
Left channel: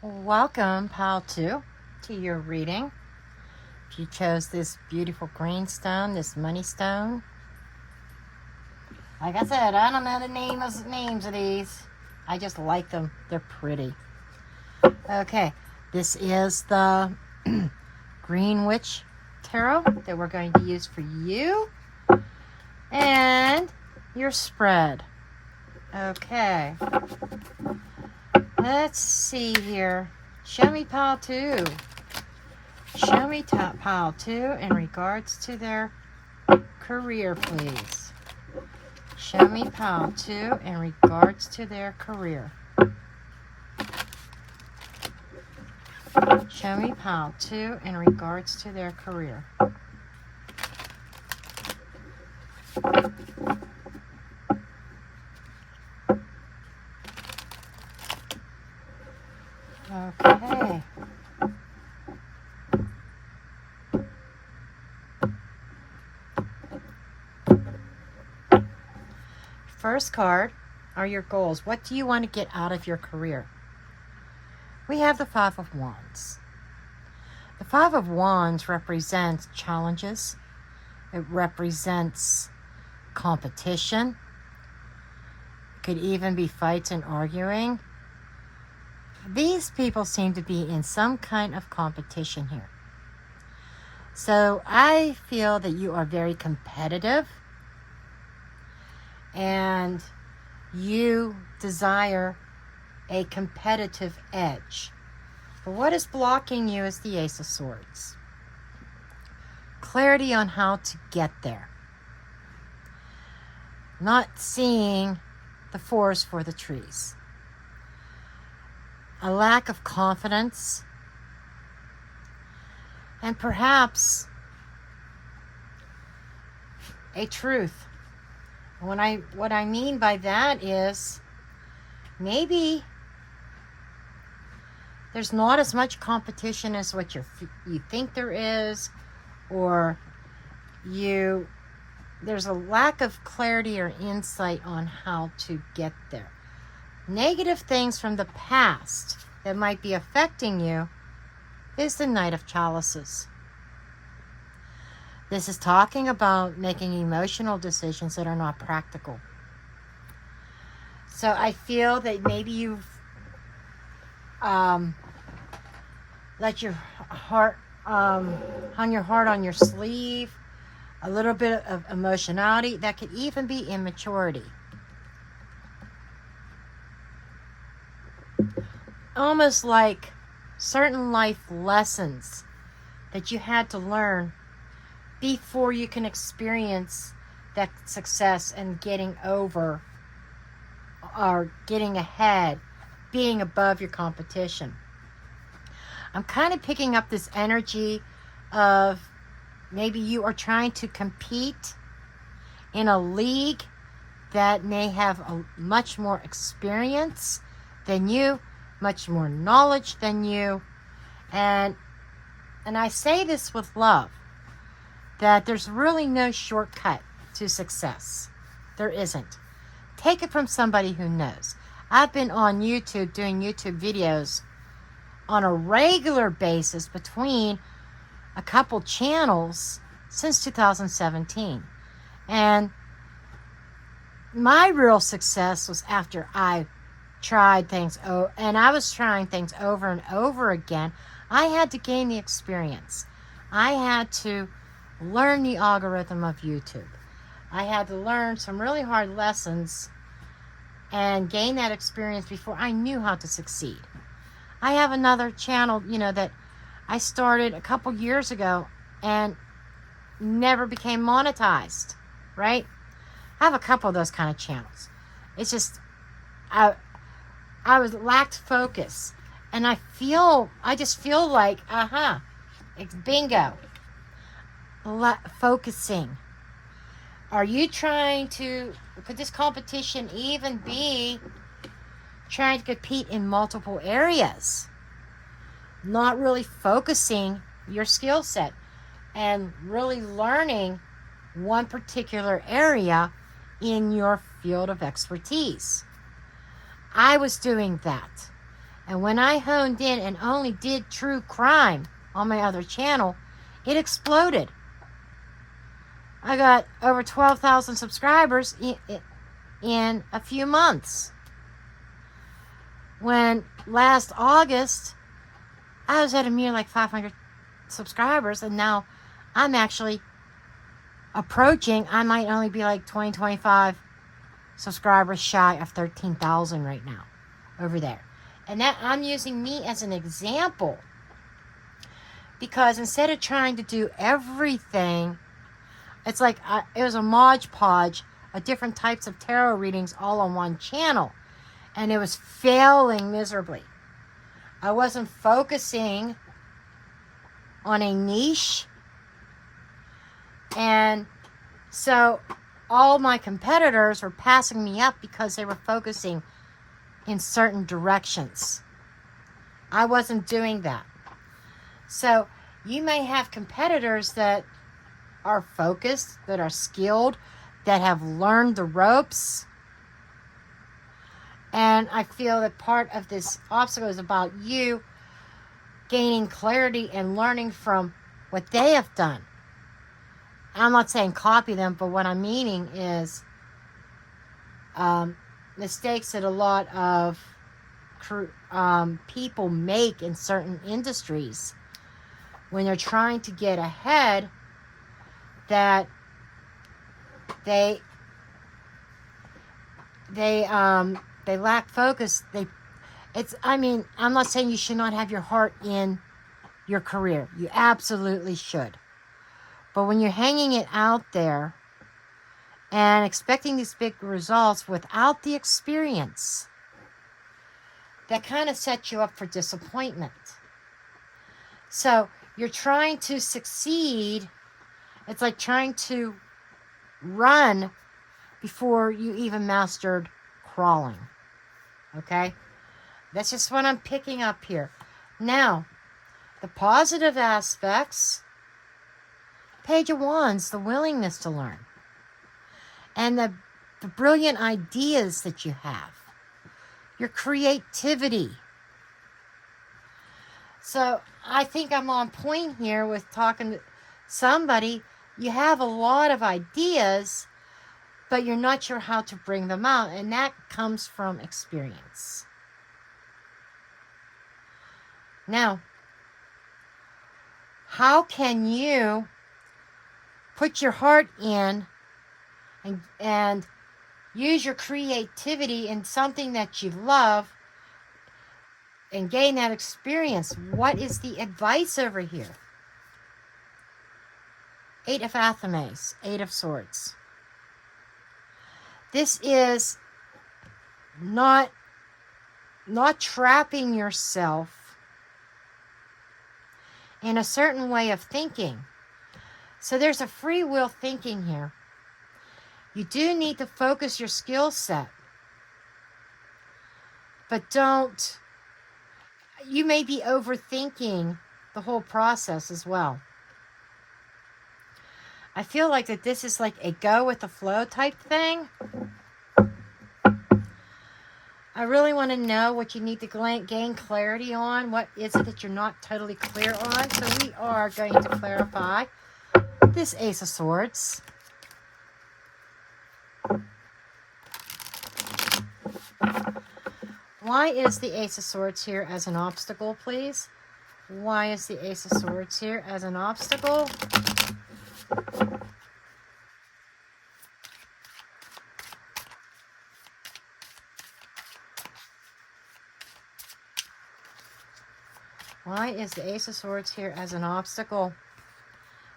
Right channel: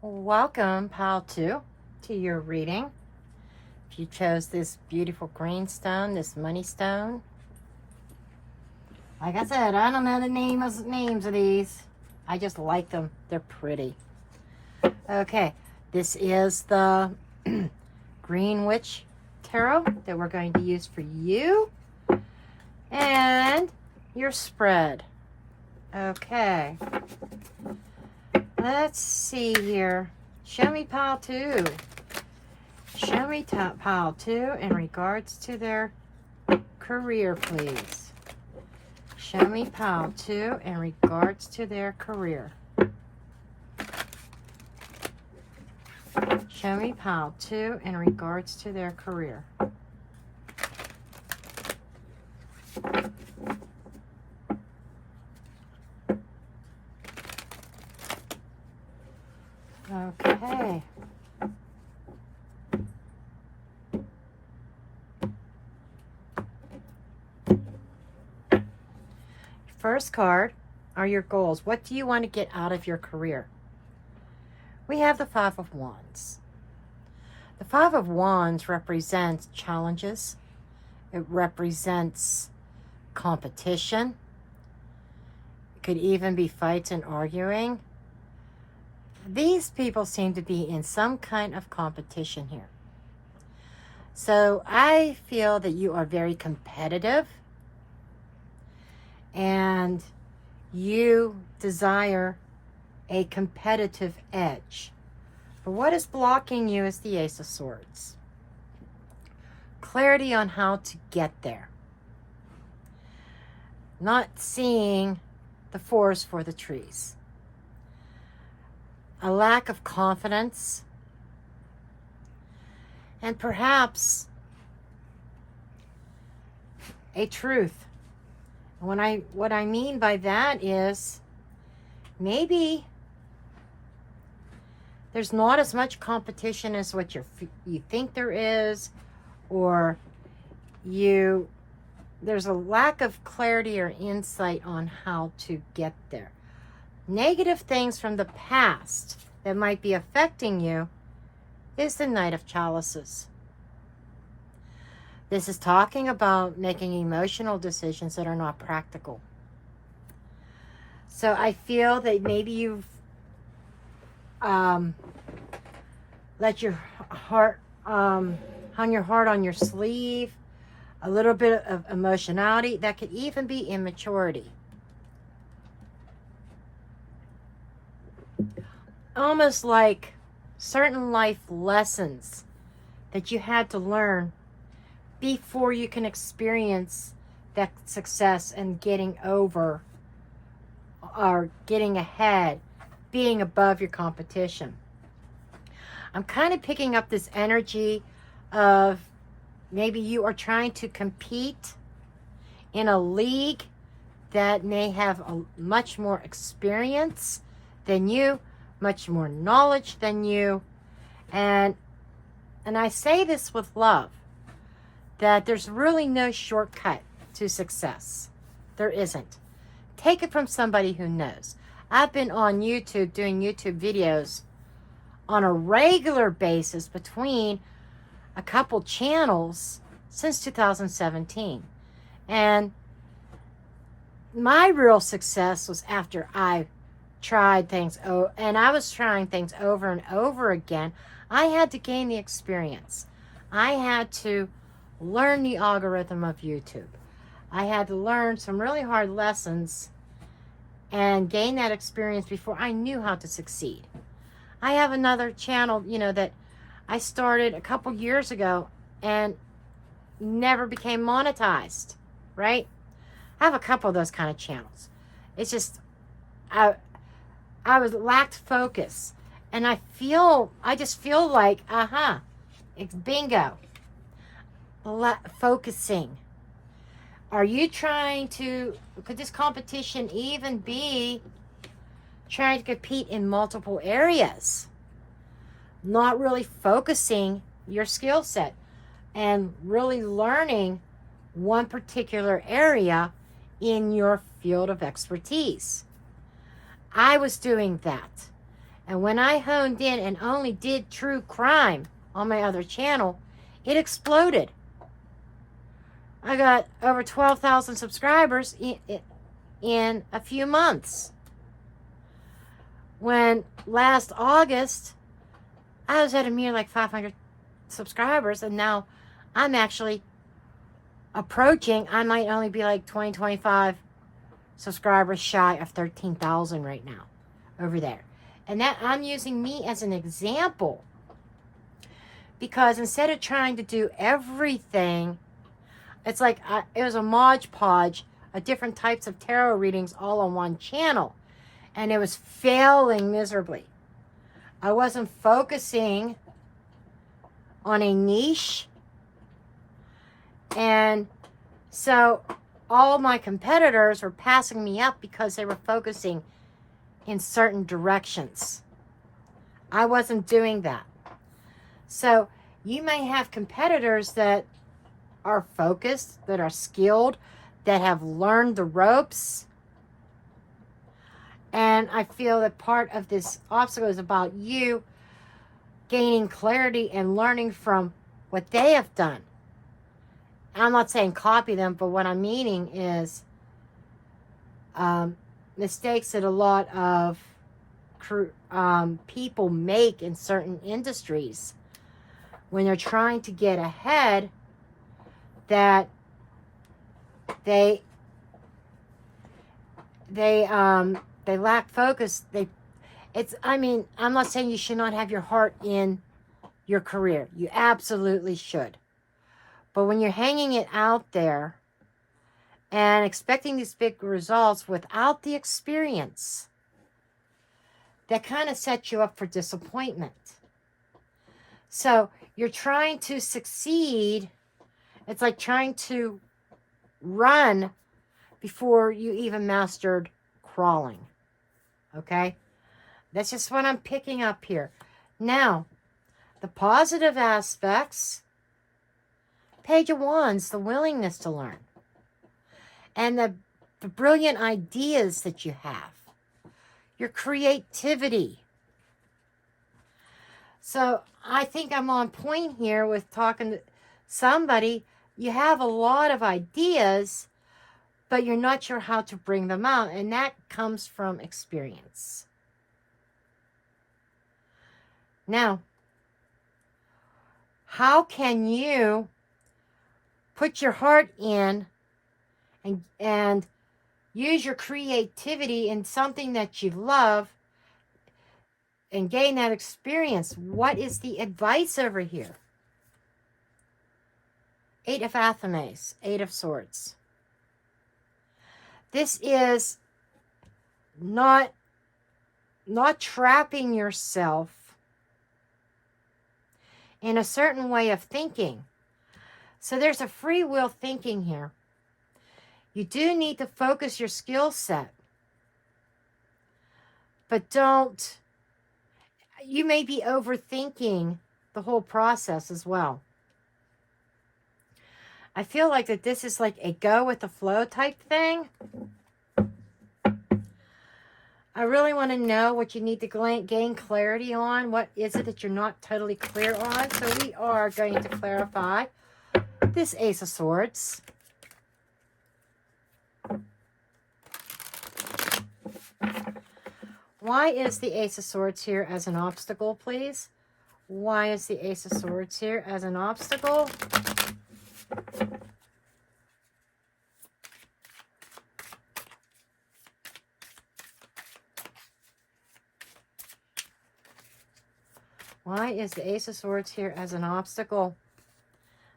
Welcome, Pile 2, to your reading. If you chose this beautiful green stone, this money stone. Like I said, I don't know the names of these. I just like them. They're pretty. Okay, this is the Green Witch Tarot that we're going to use for you. And your spread. Okay. Let's see here. Show me Pile 2. Show me Pile 2 in regards to their career, please. Show me Pile 2 in regards to their career. Show me Pile 2 in regards to their career. Okay. First card are your goals. What do you want to get out of your career? We have the Five of Wands. The Five of Wands represents challenges. It represents competition. It could even be fights and arguing. these people seem to be in some kind of competition here. So I feel that you are very competitive and you desire a competitive edge. But what is blocking you is the Ace of Swords. Clarity on how to get there. Not seeing the forest for the trees. A lack of confidence. And perhaps a truth. What I mean by that is maybe there's not as much competition as what you think there is, or there's a lack of clarity or insight on how to get there. Negative things from the past that might be affecting you is the Knight of Chalices. This is talking about making emotional decisions that are not practical. So I feel that maybe you've let your heart, hung your heart on your sleeve, a little bit of emotionality. That could even be immaturity. Almost like certain life lessons that you had to learn before you can experience that success and getting over or getting ahead, being above your competition. I'm kind of picking up this energy of maybe you are trying to compete in a league that may have a much more experience than you, much more knowledge than you. And I say this with love, that there's really no shortcut to success. There isn't. Take it from somebody who knows. I've been on YouTube doing YouTube videos on a regular basis between a couple channels since 2017. And my real success was after I tried things, and I was trying things over and over again. I had to gain the experience. I had to learn the algorithm of YouTube. I had to learn some really hard lessons and gain that experience before I knew how to succeed. I have another channel, that I started a couple years ago and never became monetized, right? I have a couple of those kind of channels. It's just, I lacked focus. And I just feel like, it's bingo. Focusing. Are you could this competition even be trying to compete in multiple areas? Not really focusing your skill set and really learning one particular area in your field of expertise. I was doing that. And when I honed in and only did true crime on my other channel, it exploded. I got over 12,000 subscribers in a few months. When last August, I was at a mere like 500 subscribers, and now I'm actually approaching, I might only be like 25 subscribers shy of 13,000 right now over there. And that I'm using me as an example, because instead of trying to do everything, it's like it was a Mod Podge of different types of tarot readings all on one channel, and it was failing miserably. I wasn't focusing on a niche, and so all my competitors were passing me up because they were focusing in certain directions. I wasn't doing that. So you may have competitors that are focused, that are skilled, that have learned the ropes. And I feel that part of this obstacle is about you gaining clarity and learning from what they have done. I'm not saying copy them, but what I'm meaning is mistakes that a lot of people make in certain industries when they're trying to get ahead, that they lack focus. I mean, I'm not saying you should not have your heart in your career. You absolutely should. But when you're hanging it out there and expecting these big results without the experience, that kind of sets you up for disappointment. So you're trying to succeed. It's like trying to run before you even mastered crawling. Okay? That's just what I'm picking up here. Now, the positive aspects, Page of Wands, the willingness to learn. And the brilliant ideas that you have. Your creativity. So, I think I'm on point here with talking to somebody. You have a lot of ideas, but you're not sure how to bring them out. And that comes from experience. Now, how can you put your heart in and use your creativity in something that you love and gain that experience? What is the advice over here? 8 of Athames, 8 of Swords. This is not trapping yourself in a certain way of thinking. So there's a free will thinking here. You do need to focus your skill set. But don't, you may be overthinking the whole process as well. I feel like that this is like a go with the flow type thing. I really want to know what you need to gain clarity on. What is it that you're not totally clear on? So we are going to clarify this Ace of Swords. Why is the Ace of Swords here as an obstacle, please? Why is the Ace of Swords here as an obstacle? Why is the Ace of Swords here as an obstacle?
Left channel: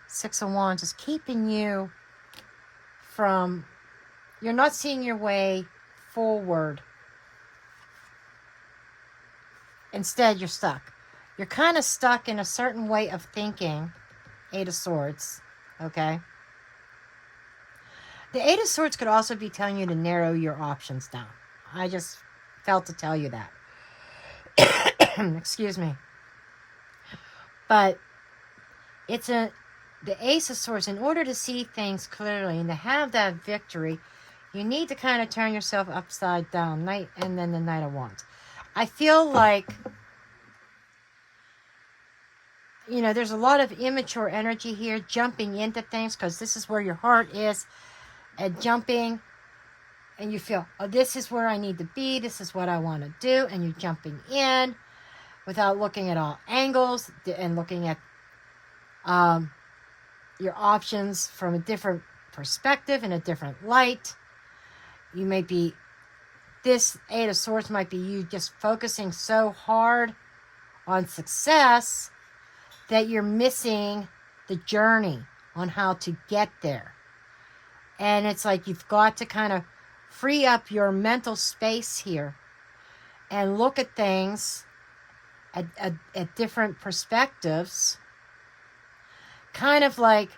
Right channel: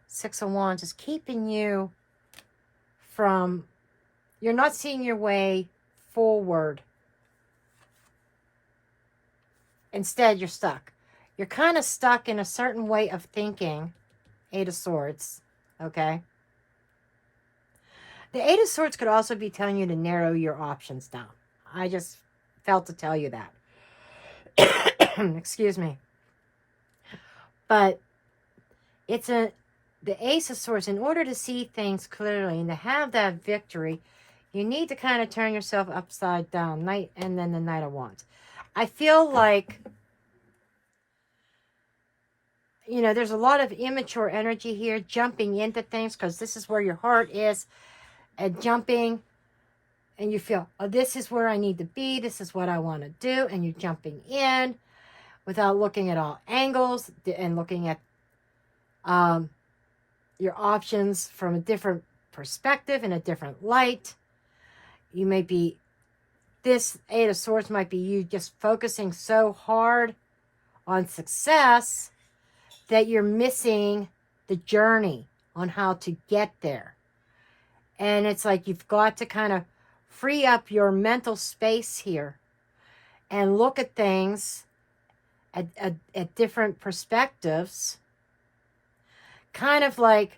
6 of Wands is keeping you from, you're not seeing your way forward. Instead, you're stuck. You're kind of stuck in a certain way of thinking. 8 of Swords, okay? The 8 of Swords could also be telling you to narrow your options down. I just felt to tell you that. Excuse me. But it's the Ace of Swords. In order to see things clearly and to have that victory, you need to kind of turn yourself upside down. Knight and then the Knight of Wands. I feel like, you know, there's a lot of immature energy here, jumping into things because this is where your heart is, and jumping, and you feel, oh, this is where I need to be, this is what I want to do, and you're jumping in without looking at all angles and looking at your options from a different perspective and a different light. You may be, this 8 of Swords might be you just focusing so hard on success that you're missing the journey on how to get there. And it's like you've got to kind of free up your mental space here and look at things at different perspectives. Kind of like,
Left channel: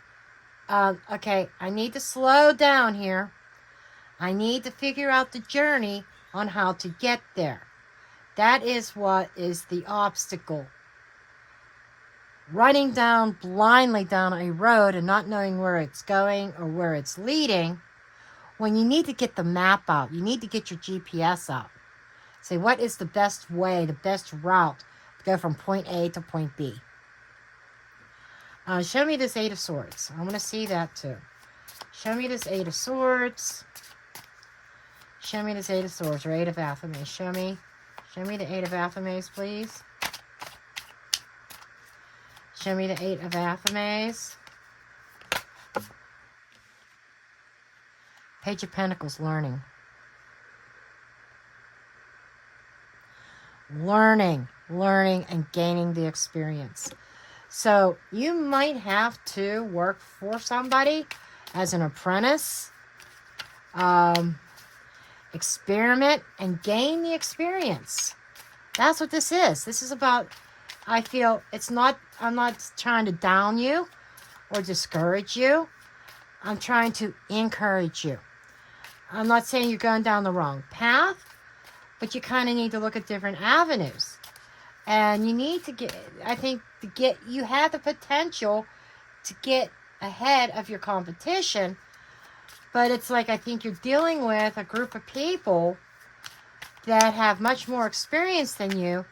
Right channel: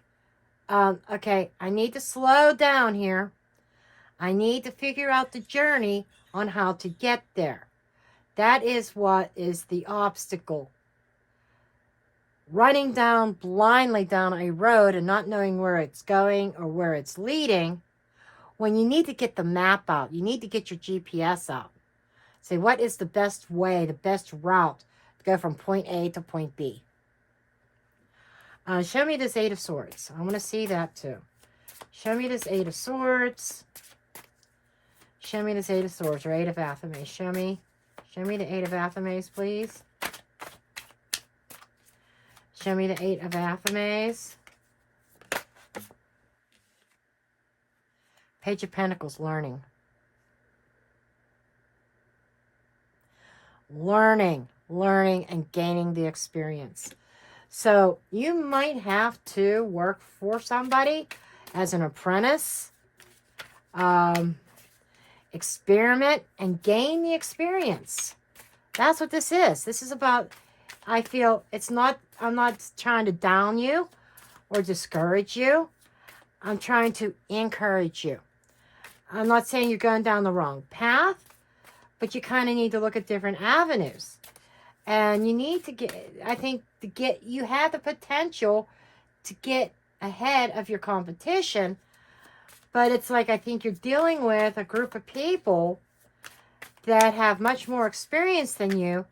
okay, I need to slow down here. I need to figure out the journey on how to get there. That is what is the obstacle. Running down blindly down a road and not knowing where it's going or where it's leading, when you need to get the map out, you need to get your GPS out. Say, what is the best way, the best route to go from point A to point B? Show me this 8 of Swords. I want to see that too. Show me this 8 of Swords. Show me this 8 of Swords or 8 of Athames. Show me. Show me the Eight of Athames, please. Show me the Eight of Athames. Page of Pentacles, learning. Learning and gaining the experience. So you might have to work for somebody as an apprentice, experiment and gain the experience. That's what this is. This is about, I feel, it's not, I'm not trying to down you or discourage you. I'm trying to encourage you. I'm not saying you're going down the wrong path, but you kind of need to look at different avenues. And you need to get, I think, you have the potential to get ahead of your competition. But it's like, I think you're dealing with a group of people that have much more experience than you.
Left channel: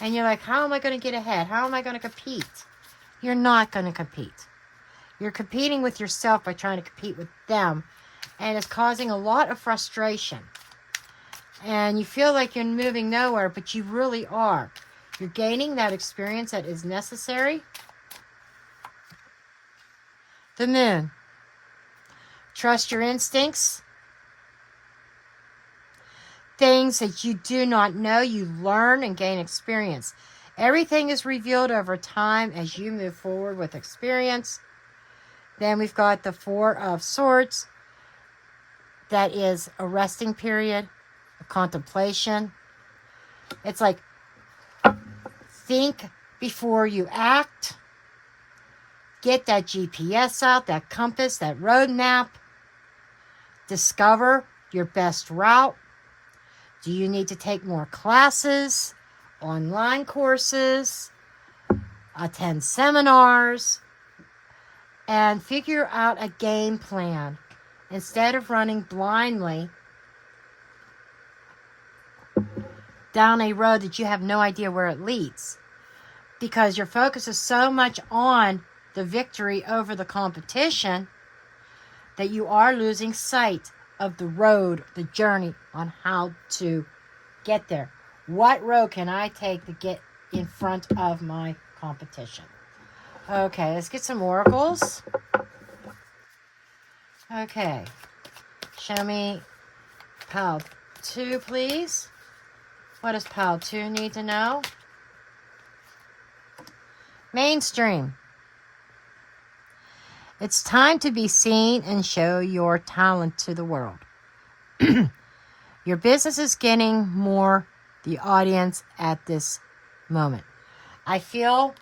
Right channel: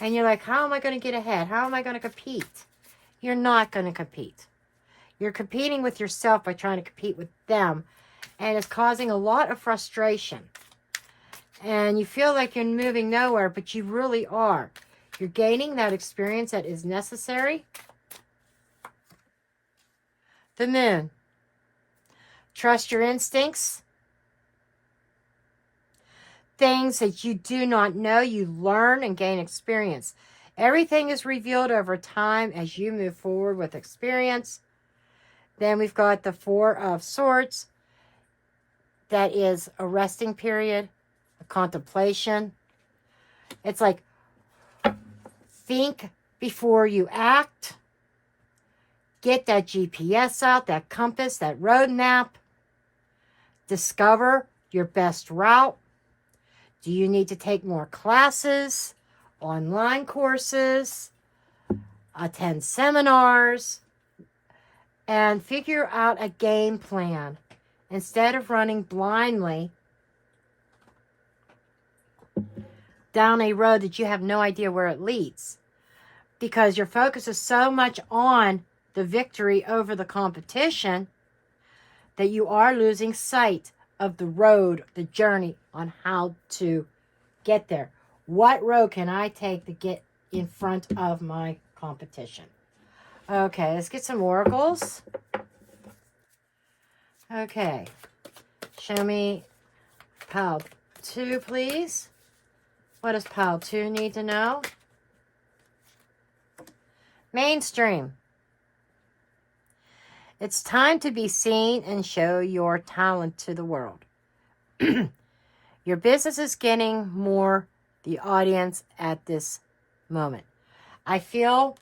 And you're like, how am I going to get ahead? How am I going to compete? You're not going to compete. You're competing with yourself by trying to compete with them. And it's causing a lot of frustration. And you feel like you're moving nowhere, but you really are. You're gaining that experience that is necessary. The Moon. Trust your instincts. Things that you do not know, you learn and gain experience. Everything is revealed over time as you move forward with experience. Then we've got the Four of Swords. That is a resting period, a contemplation. It's like, think before you act. Get that GPS out, that compass, that road map. Discover your best route. Do you need to take more classes, online courses, attend seminars, and figure out a game plan instead of running blindly down a road that you have no idea where it leads, because your focus is so much on the victory over the competition that you are losing sight of the road, the journey on how to get there. What road can I take to get in front of my competition? Okay, let's get some oracles. Okay, show me pile 2, please. What does pile 2 need to know? Mainstream. It's time to be seen and show your talent to the world. Your business is getting more the audience at this moment. I feel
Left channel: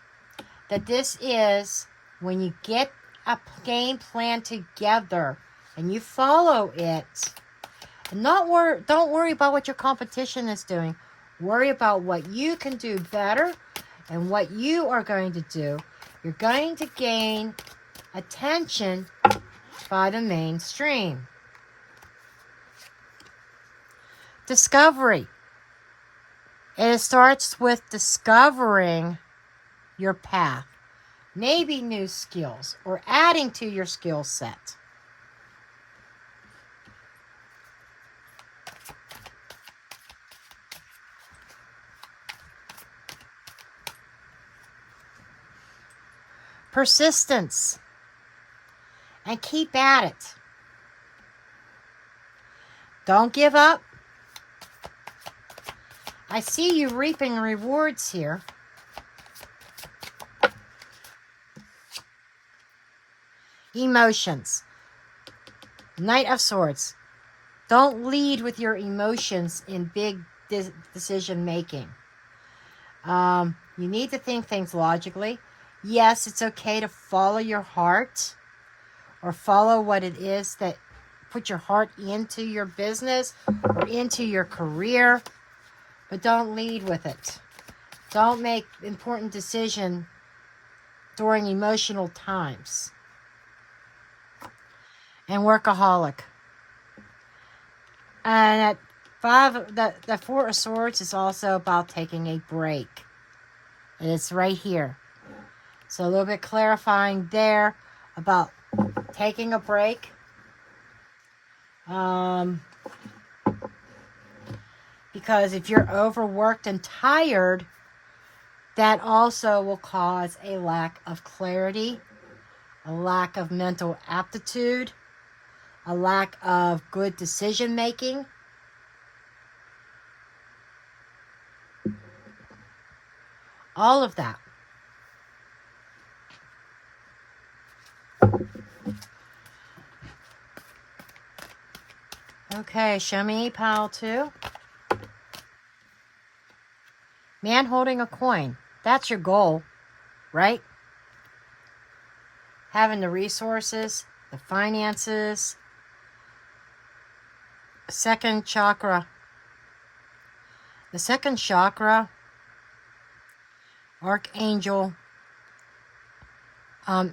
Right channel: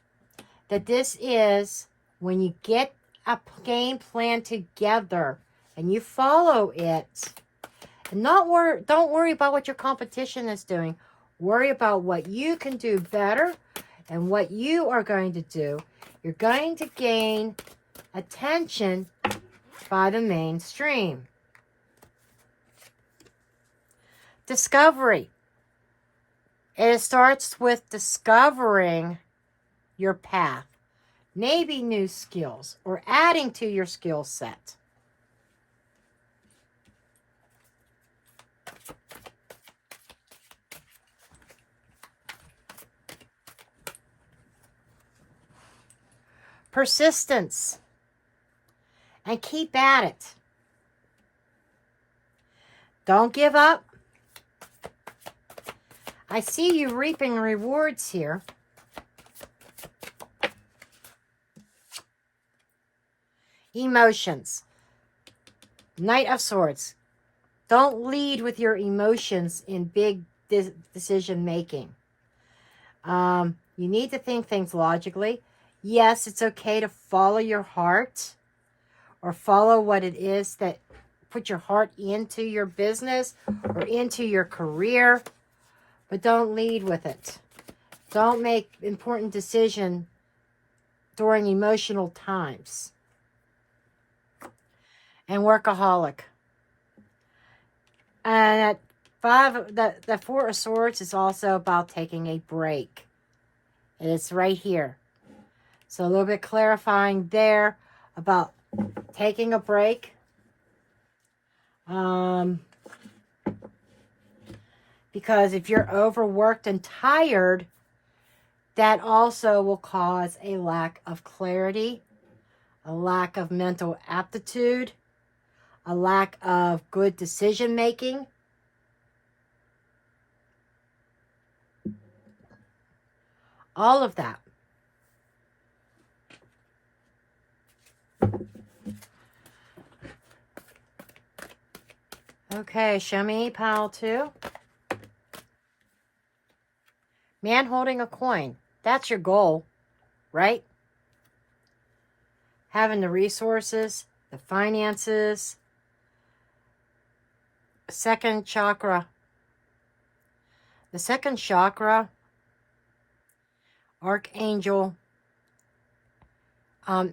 that this is when you get a game plan together and you follow it, and don't worry about what your competition is doing. Worry about what you can do better and what you are going to do. You're going to gain attention by the mainstream. Discovery. It starts with discovering your path. Maybe new skills or adding to your skill set. Persistence. And keep at it. Don't give up. I see you reaping rewards here. Emotions. Knight of Swords. Don't lead with your emotions in big decision making. You need to think things logically. Yes, it's okay to follow your heart or follow what it is that put your heart into your business or into your career, but don't lead with it. Don't make important decisions during emotional times. And workaholic. And at 5, the Four of Swords is also about taking a break. And it's right here. So a little bit clarifying there about taking a break. Because if you're overworked and tired, that also will cause a lack of clarity, a lack of mental aptitude, a lack of good decision making. All of that. Okay, show me pile 2. Man holding a coin. That's your goal, right? Having the resources, the finances. Second chakra. The second chakra, Archangel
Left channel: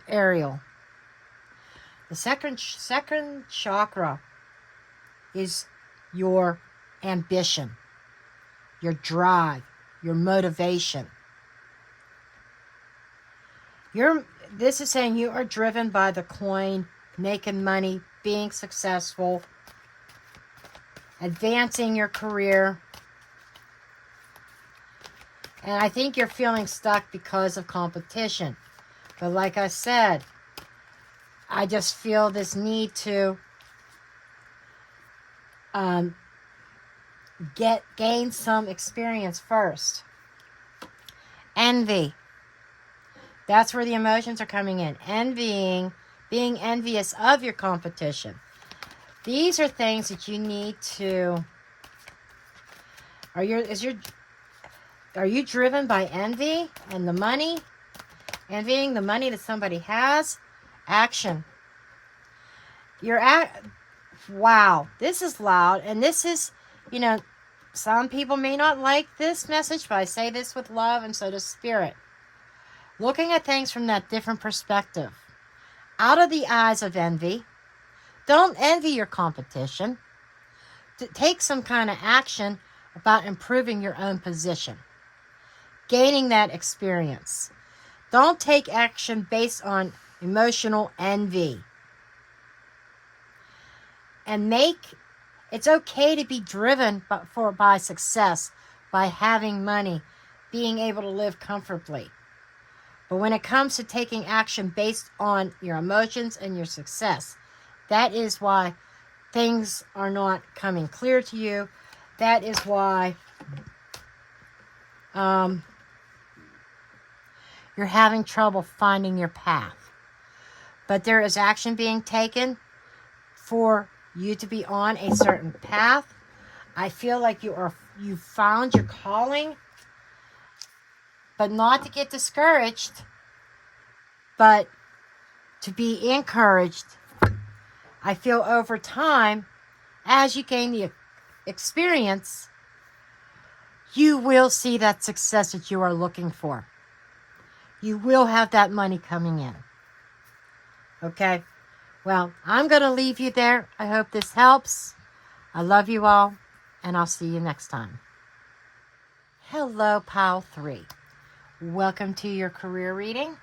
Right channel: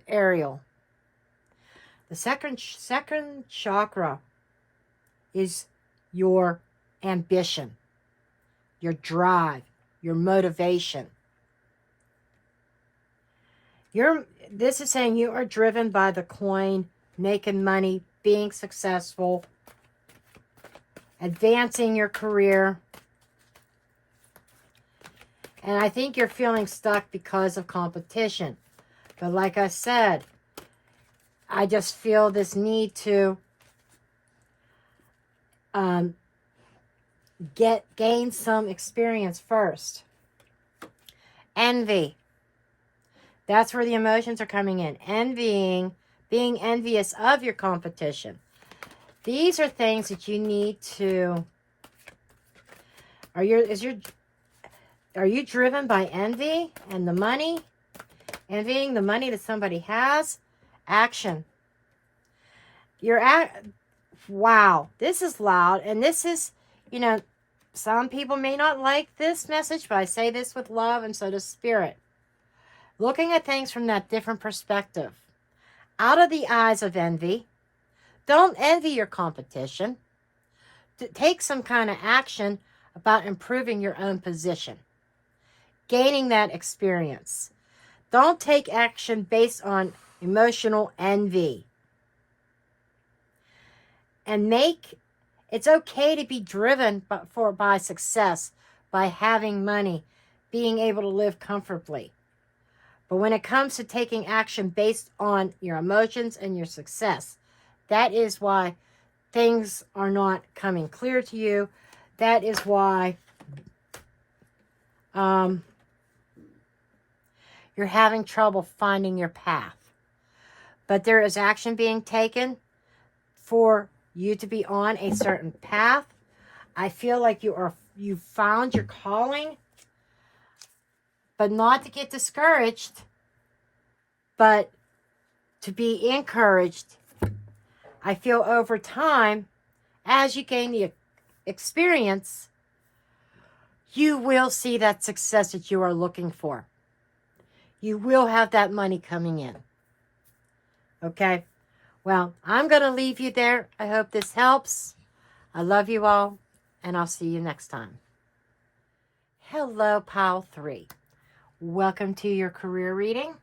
Ariel. The second chakra is your ambition, your drive, your motivation. This is saying you are driven by the coin, making money, being successful, advancing your career. And I think you're feeling stuck because of competition. But like I said, I just feel this need to gain some experience first. Envy. That's where the emotions are coming in. Envying, being envious of your competition. These are things that you need to... Are you driven by envy and the money? Envying the money that somebody has? Action. Wow, this is loud. And this is, some people may not like this message, but I say this with love, and so does Spirit. Looking at things from that different perspective. Out of the eyes of envy. Don't envy your competition. Take some kind of action about improving your own position. Gaining that experience. Don't take action based on emotional envy. And it's okay to be driven by success, by having money, being able to live comfortably. But when it comes to taking action based on your emotions and your success, that is why things are not coming clear to you. That is why you're having trouble finding your path. But there is action being taken for you to be on a certain path. I feel like you've found your calling, but not to get discouraged, but to be encouraged. I feel over time, as you gain the experience, you will see that success that you are looking for. You will have that money coming in. Okay? Well, I'm going to leave you there. I hope this helps. I love you all, and I'll see you next time. Hello, Pile 3. Welcome to your career reading.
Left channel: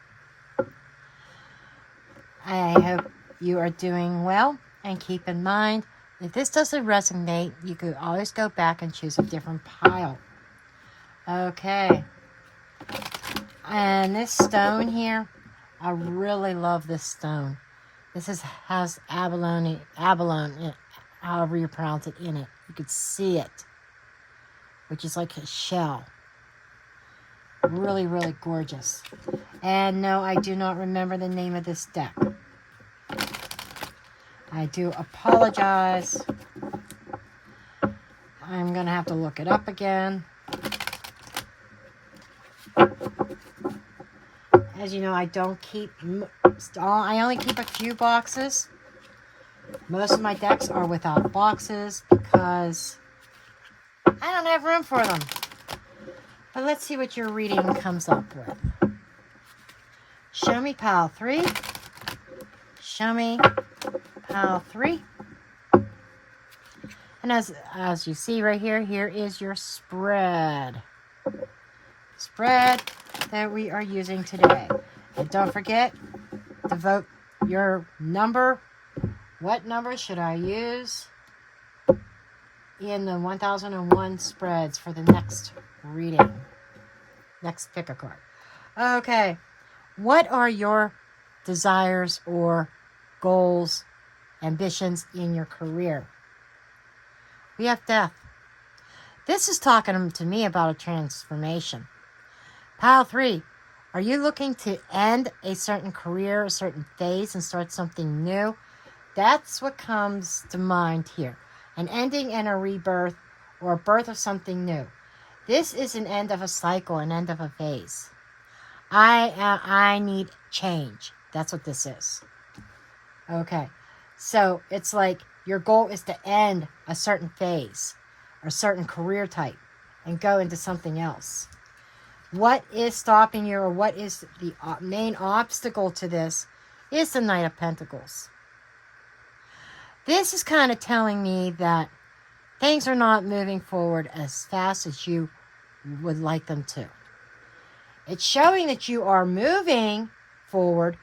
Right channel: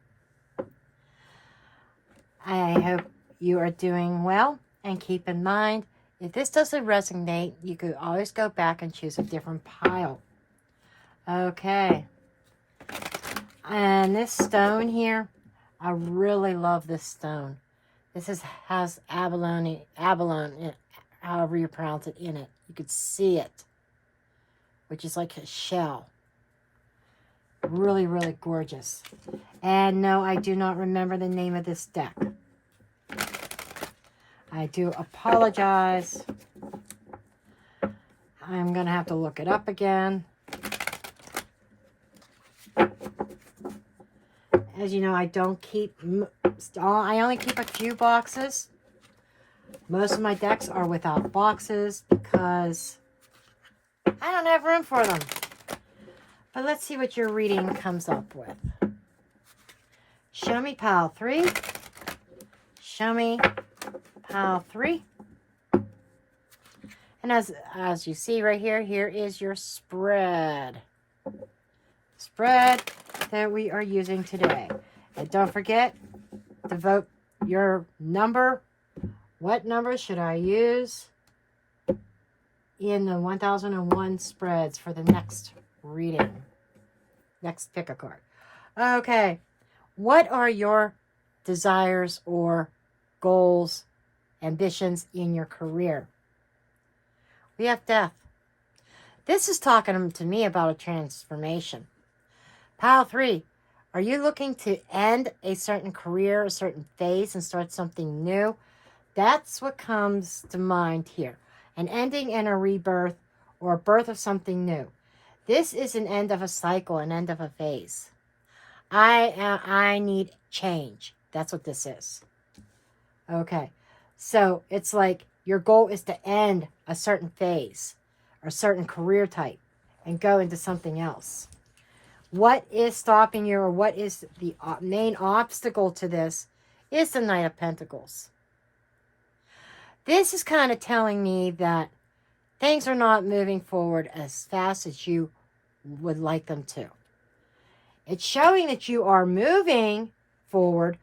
I hope you are doing well, and keep in mind, if this doesn't resonate, you could always go back and choose a different pile. Okay. And this stone here, I really love this stone. This has abalone, however you pronounce it, in it. You could see it, which is like a shell. Really, really gorgeous. And no, I do not remember the name of this deck. I do apologize. I'm going to have to look it up again. As you know, I only keep a few boxes. Most of my decks are without boxes because I don't have room for them. But let's see what your reading comes up with. Show me pile 3. Show me pile 3. And as you see right here, here is your spread. Spread that we are using today. And don't forget to vote your number. What number should I use? in the 1001 spreads for the next reading. Next pick a card. Okay. What are your desires or goals, ambitions in your career? We have death. This is talking to me about a transformation. Pile 3. Are you looking to end a certain career, a certain phase, and start something new? That's what comes to mind here. An ending and a rebirth, or a birth of something new. This is an end of a cycle, an end of a phase. I need change. That's what this is. Okay. So it's like your goal is to end a certain phase or a certain career type and go into something else. What is stopping you, or what is the main obstacle to this, is the Knight of Pentacles. This is kind of telling me that things are not moving forward as fast as you would like them to. It's showing that you are moving forward,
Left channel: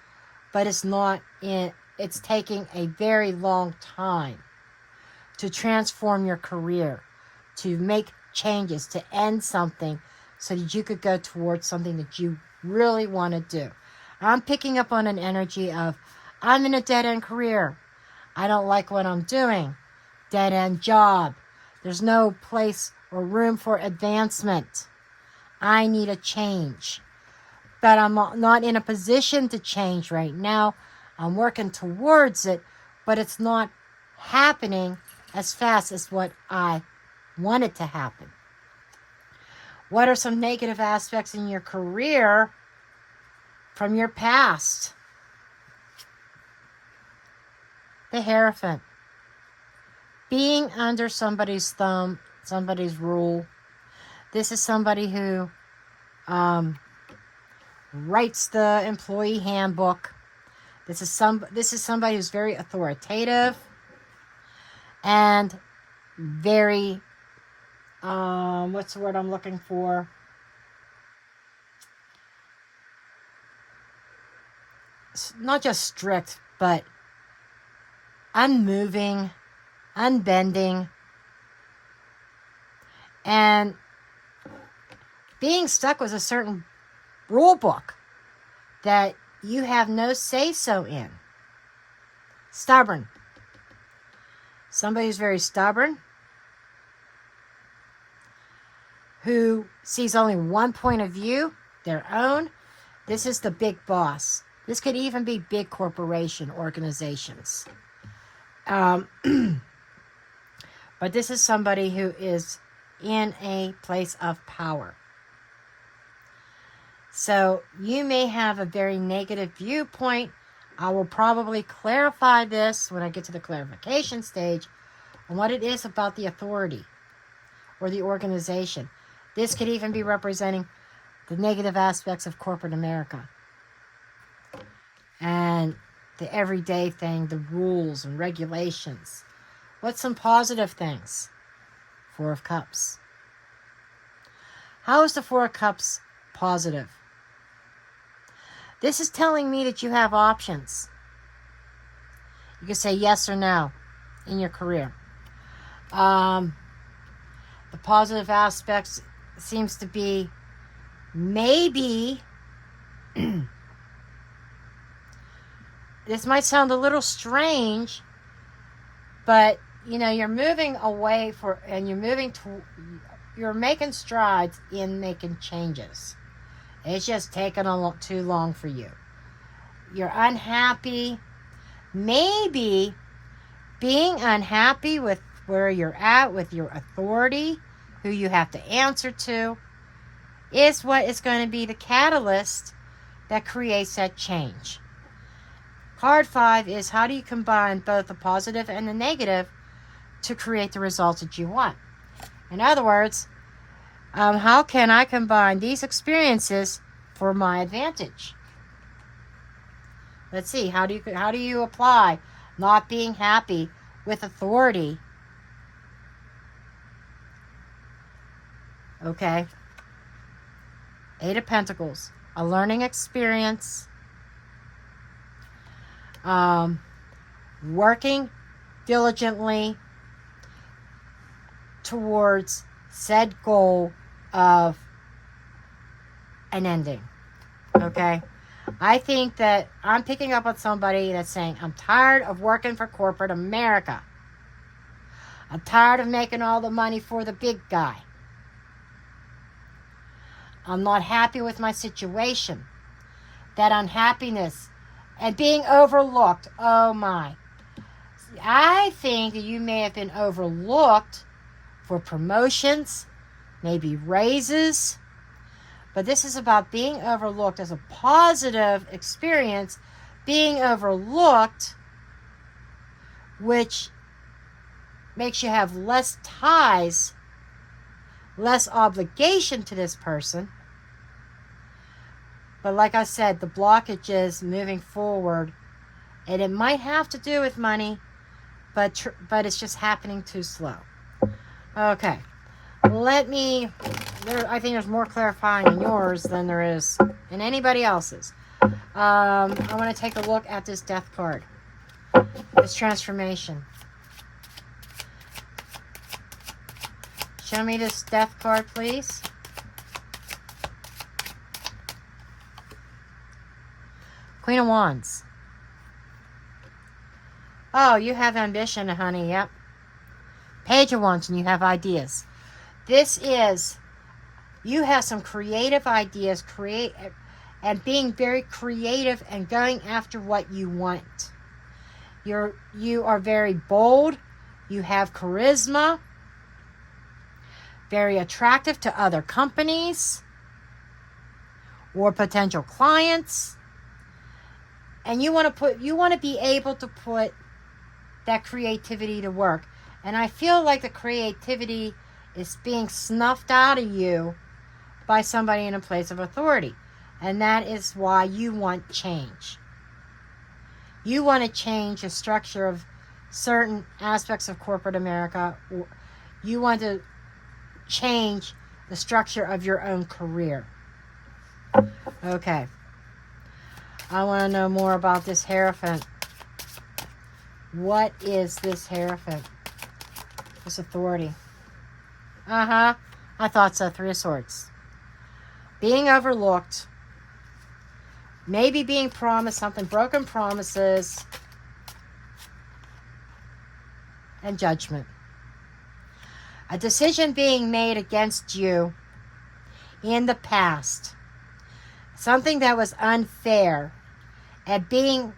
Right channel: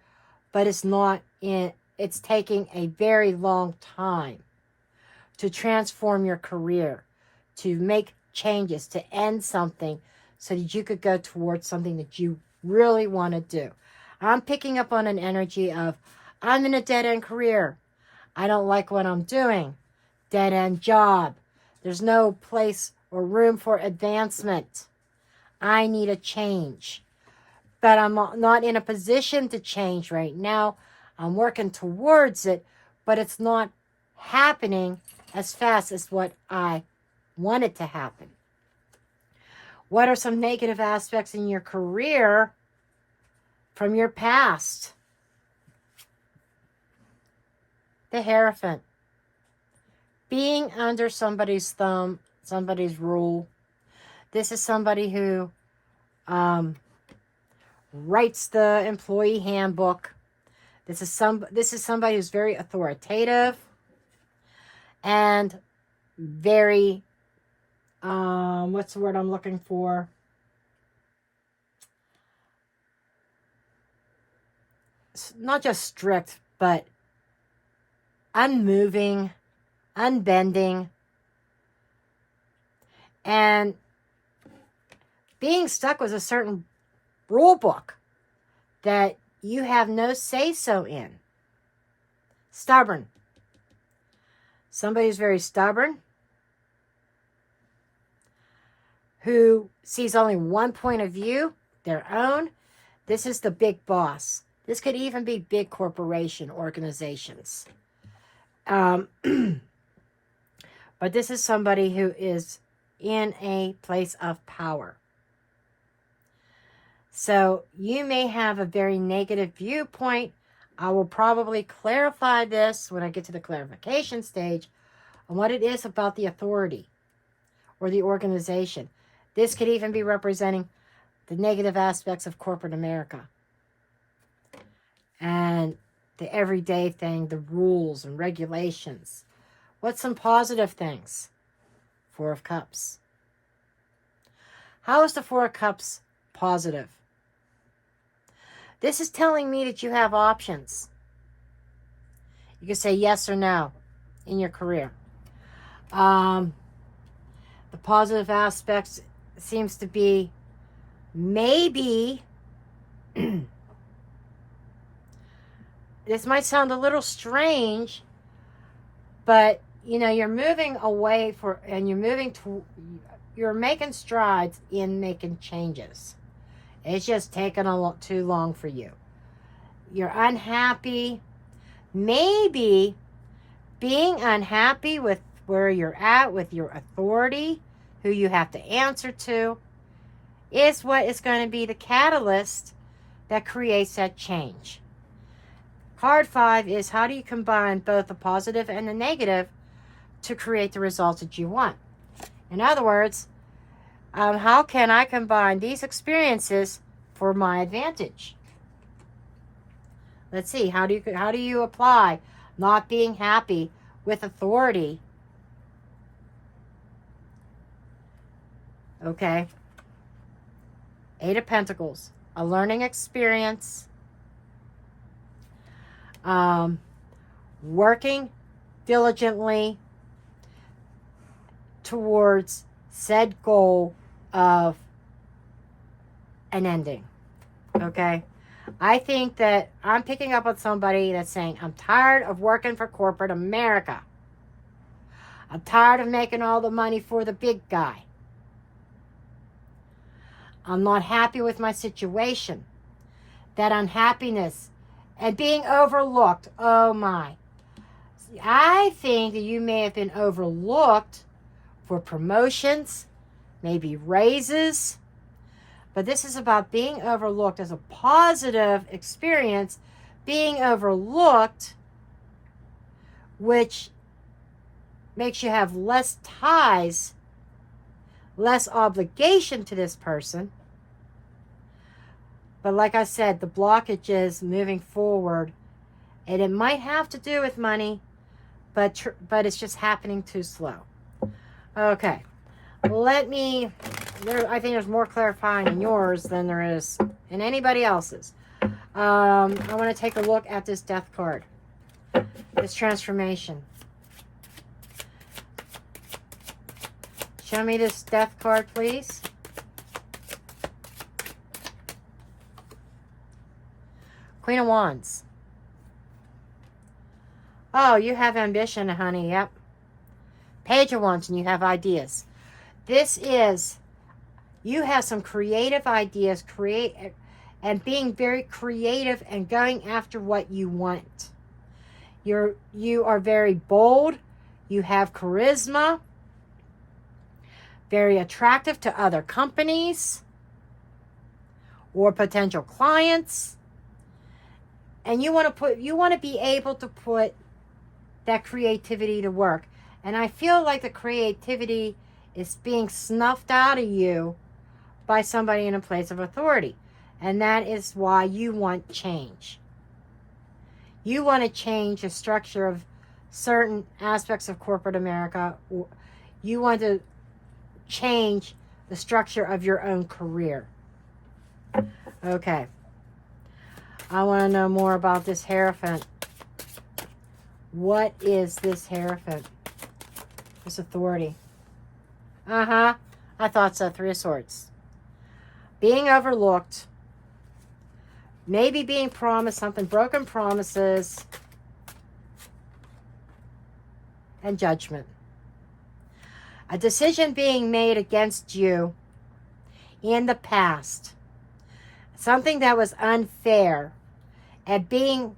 but it's taking a very long time to transform your career, to make changes, to end something so that you could go towards something that you really want to do. I'm picking up on an energy of, I'm in a dead-end career. I don't like what I'm doing. Dead-end job. There's no place or room for advancement. I need a change. But I'm not in a position to change right now. I'm working towards it, but it's not happening as fast as what I want it to happen. What are some negative aspects in your career from your past? The Hierophant. Being under somebody's thumb, somebody's rule. This is somebody who writes the employee handbook. This is somebody who's very authoritative and very what's the word I'm looking for? Not just strict, but unmoving, unbending, and being stuck with a certain rule book that you have no say-so in. Stubborn. Somebody who's very stubborn, who sees only one point of view, their own. This is the big boss. This could even be big corporation organizations. But this is somebody who is in a place of power. So you may have a very negative viewpoint. I will probably clarify this when I get to the clarification stage on what it is about the authority or the organization. This could even be representing the negative aspects of corporate America and the everyday thing, the rules and regulations. What's some positive things? Four of Cups. How is the Four of Cups positive? This is telling me that you have options. You can say yes or no in your career. The positive aspects seems to be maybe this might sound a little strange, but you know, you're moving away and you're making strides in making changes. It's just taking too long for you. You're unhappy. Maybe being unhappy with where you're at, with your authority, who you have to answer to, is what is going to be the catalyst that creates that change. Card 5 is, how do you combine both the positive and the negative to create the results that you want? In other words, how can I combine these experiences for my advantage? Let's see, how do you apply not being happy with authority? Okay. 8 of Pentacles, a learning experience, working diligently, towards said goal of an ending. Okay? I think that I'm picking up on somebody that's saying, I'm tired of working for corporate America. I'm tired of making all the money for the big guy. I'm not happy with my situation. That unhappiness and being overlooked. Oh my. I think that you may have been overlooked for promotions, maybe raises. But this is about being overlooked as a positive experience. Being overlooked, which makes you have less ties, less obligation to this person. But like I said, the blockage is moving forward. And it might have to do with money, but it's just happening too slow. Okay. I think there's more clarifying in yours than there is in anybody else's. I want to take a look at this death card. This transformation. Show me this death card, please. Queen of Wands. Oh, you have ambition, honey. Yep. Page of Wands, and you have ideas. This is, you have some creative ideas, and being very creative and going after what you want. You are very bold. You have charisma. Very attractive to other companies or potential clients. And you want to be able to put that creativity to work. And I feel like the creativity is being snuffed out of you by somebody in a place of authority. And that is why you want change. You want to change the structure of certain aspects of corporate America. You want to change the structure of your own career. Okay. I want to know more about this Hierophant. What is this Hierophant? This authority. I thought so. Three of Swords. Being overlooked. Maybe being promised something. Broken promises. And Judgment. A decision being made against you in the past. Something that was unfair. And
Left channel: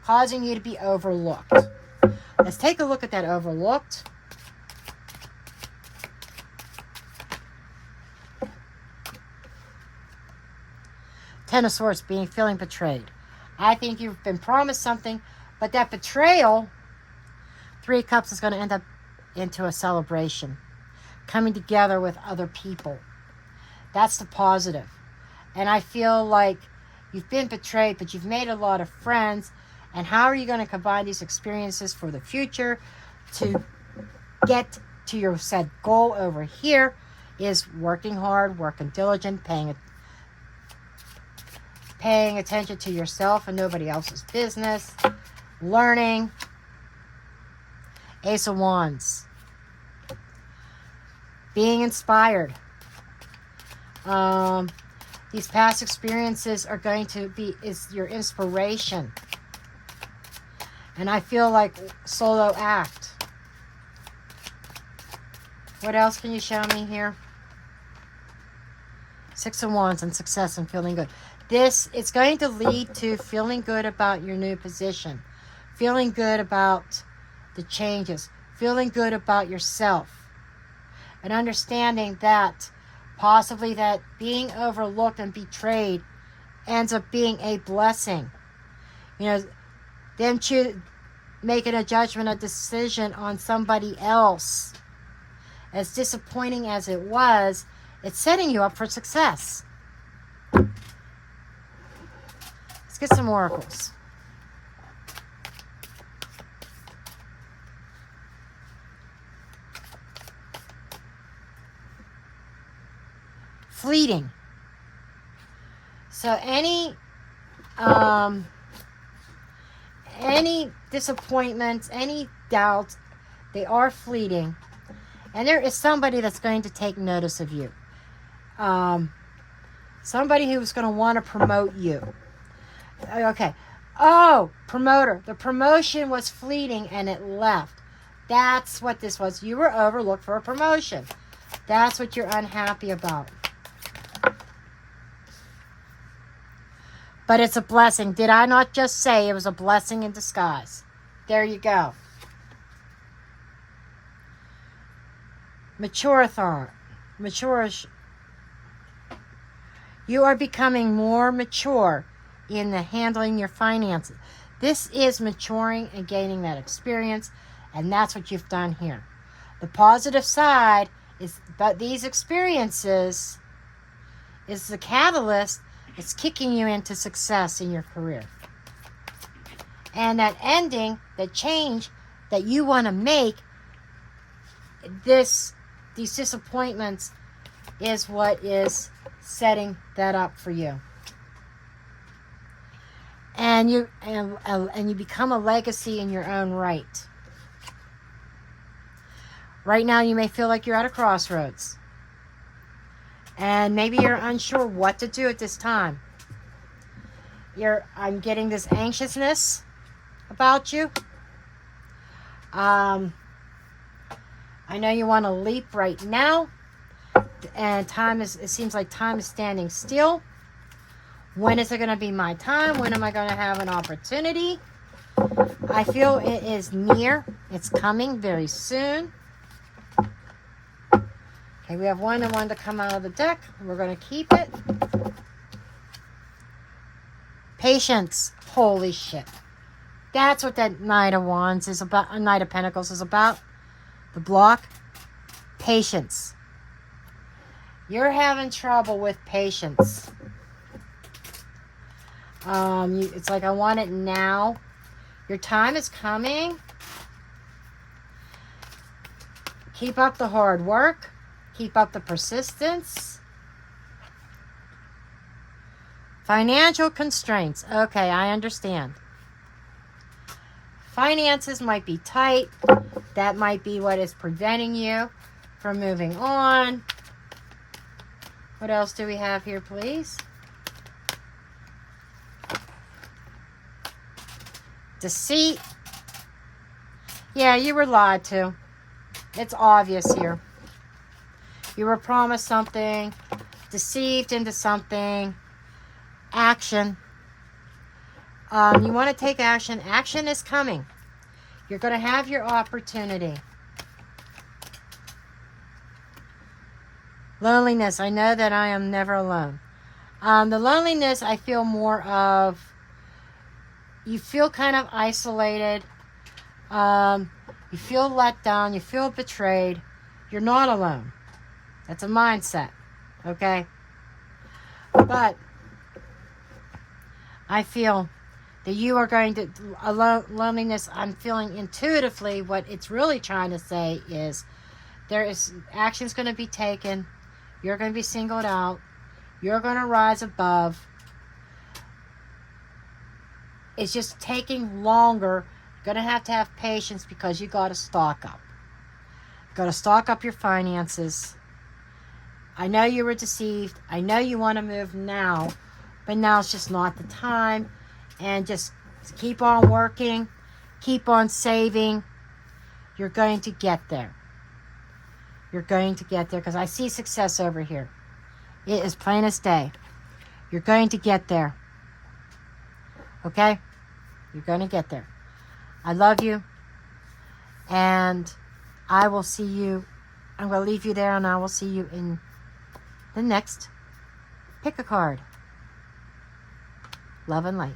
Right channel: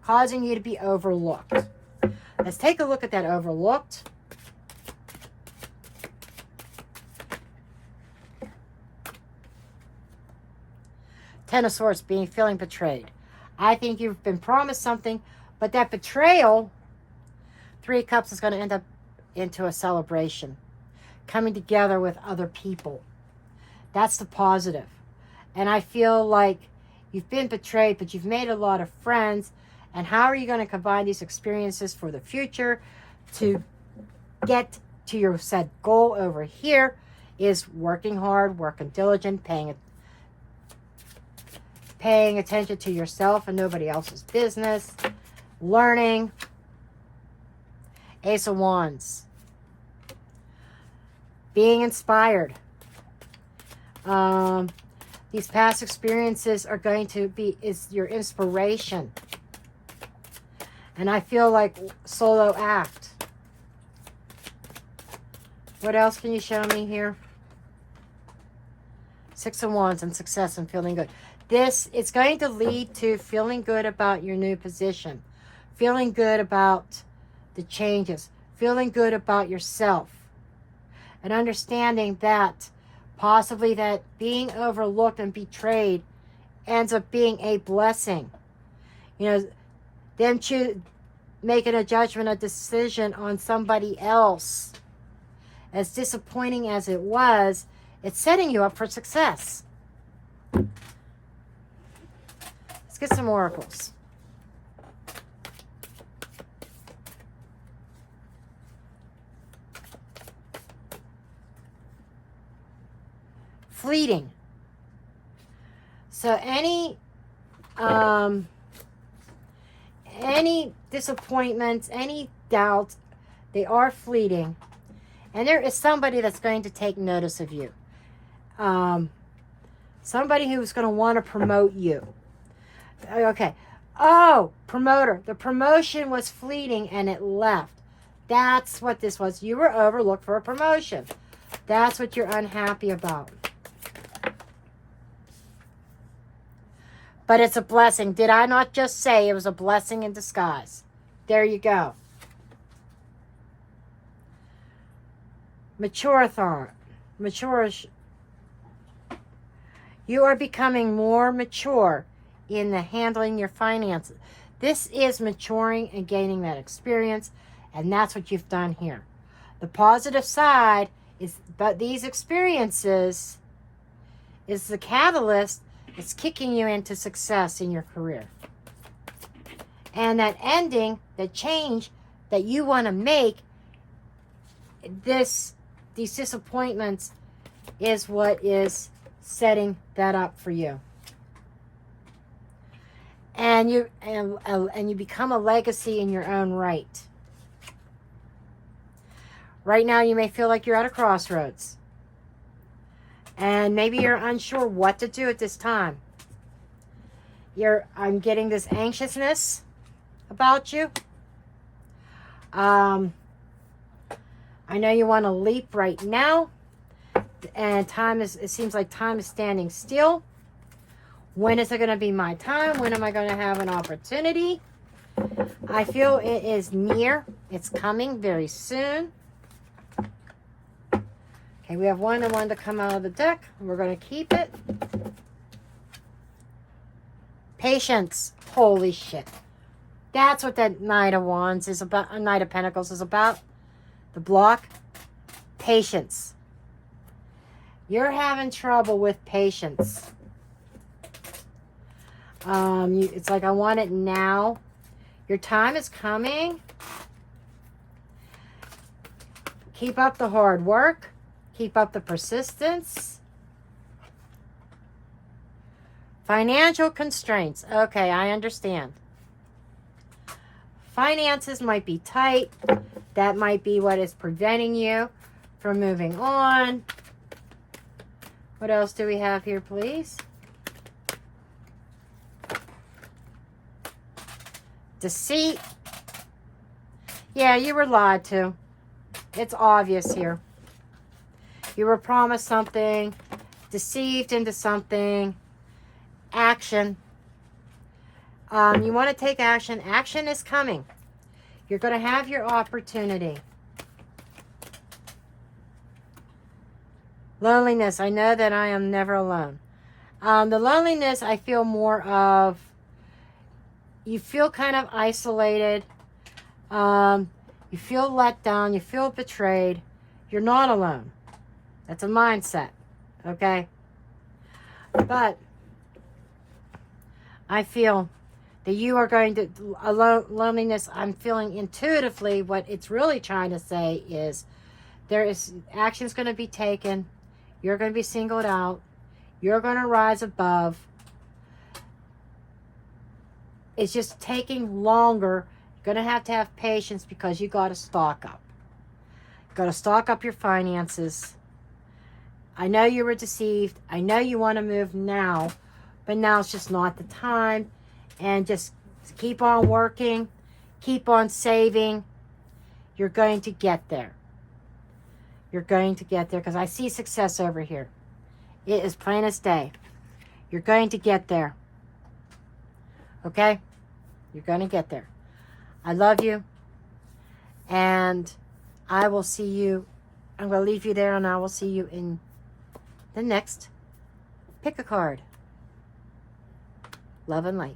causing you to be overlooked. Let's take a look at that overlooked. Ten of Swords, feeling betrayed. I think you've been promised something, but that betrayal, Three of Cups, is going to end up into a celebration. Coming together with other people. That's the positive. And I feel like you've been betrayed, but you've made a lot of friends. And how are you going to combine these experiences for the future to get to your said goal over here is working hard, working diligent, paying attention to yourself and nobody else's business, learning. Ace of Wands. Being inspired. These past experiences are going to is your inspiration. And I feel like solo act. What else can you show me here? Six of Wands and success and feeling good. It's going to lead to feeling good about your new position. Feeling good about the changes. Feeling good about yourself. And understanding that possibly that being overlooked and betrayed ends up being a blessing. You know, them making a judgment, a decision on somebody else. As disappointing as it was, it's setting you up for success. Let's get some oracles. Fleeting. So any disappointments, any doubts, they are fleeting. And there is somebody that's going to take notice of you. Somebody who's going to want to promote you. Okay. Oh, promoter. The promotion was fleeting and it left. That's what this was. You were overlooked for a promotion. That's what you're unhappy about. But it's a blessing. Did I not just say it was a blessing in disguise? There you go. Maturathon. Maturish. You are becoming more mature in the handling your finances. This is maturing and gaining that experience, and that's what you've done here. The positive side is that these experiences is the catalyst. It's kicking you into success in your career. And that ending, the change that you want to make, these disappointments is what is setting that up for you. And you become a legacy in your own right. Right now you may feel like you're at a crossroads. And maybe you're unsure what to do at this time. I'm getting this anxiousness about you. I know you want to leap right now. And it seems like time is standing still. When is it going to be my time? When am I going to have an opportunity? I feel it is near. It's coming very soon. Okay, we have one and one to come out of the deck. We're going to keep it. Patience. Holy shit. That's what that Knight of Wands is about. Knight of Pentacles is about. The block. Patience. You're having trouble with patience. It's like I want it now. Your time is coming. Keep up the hard work. Keep up the persistence. Financial constraints. Okay, I understand. Finances might be tight. That might be what is preventing you from moving on. What else do we have here, please? Deceit. Yeah, you were lied to. It's obvious here. You were promised something, deceived into something. Action. You want to take action. Action is coming. You're going to have your opportunity. Loneliness. I know that I am never alone. The loneliness, I feel more of, you feel kind of isolated. You feel let down. You feel betrayed. You're not alone. That's a mindset. Okay? But I feel that you are going to, loneliness, I'm feeling intuitively what it's really trying to say is there is action's going to be taken. You're going to be singled out. You're going to rise above. It's just taking longer. You're going to have patience because you got to stock up. Got to stock up your finances. I know you were deceived. I know you want to move now, but now it's just not the time. And just keep on working. Keep on saving. You're going to get there. You're going to get there because I see success over here. It is plain as day. You're going to get there. Okay? You're going to get there. I love you. And I will see you. I'm going to leave you there and I will see you in the next. Pick a card. Love and light.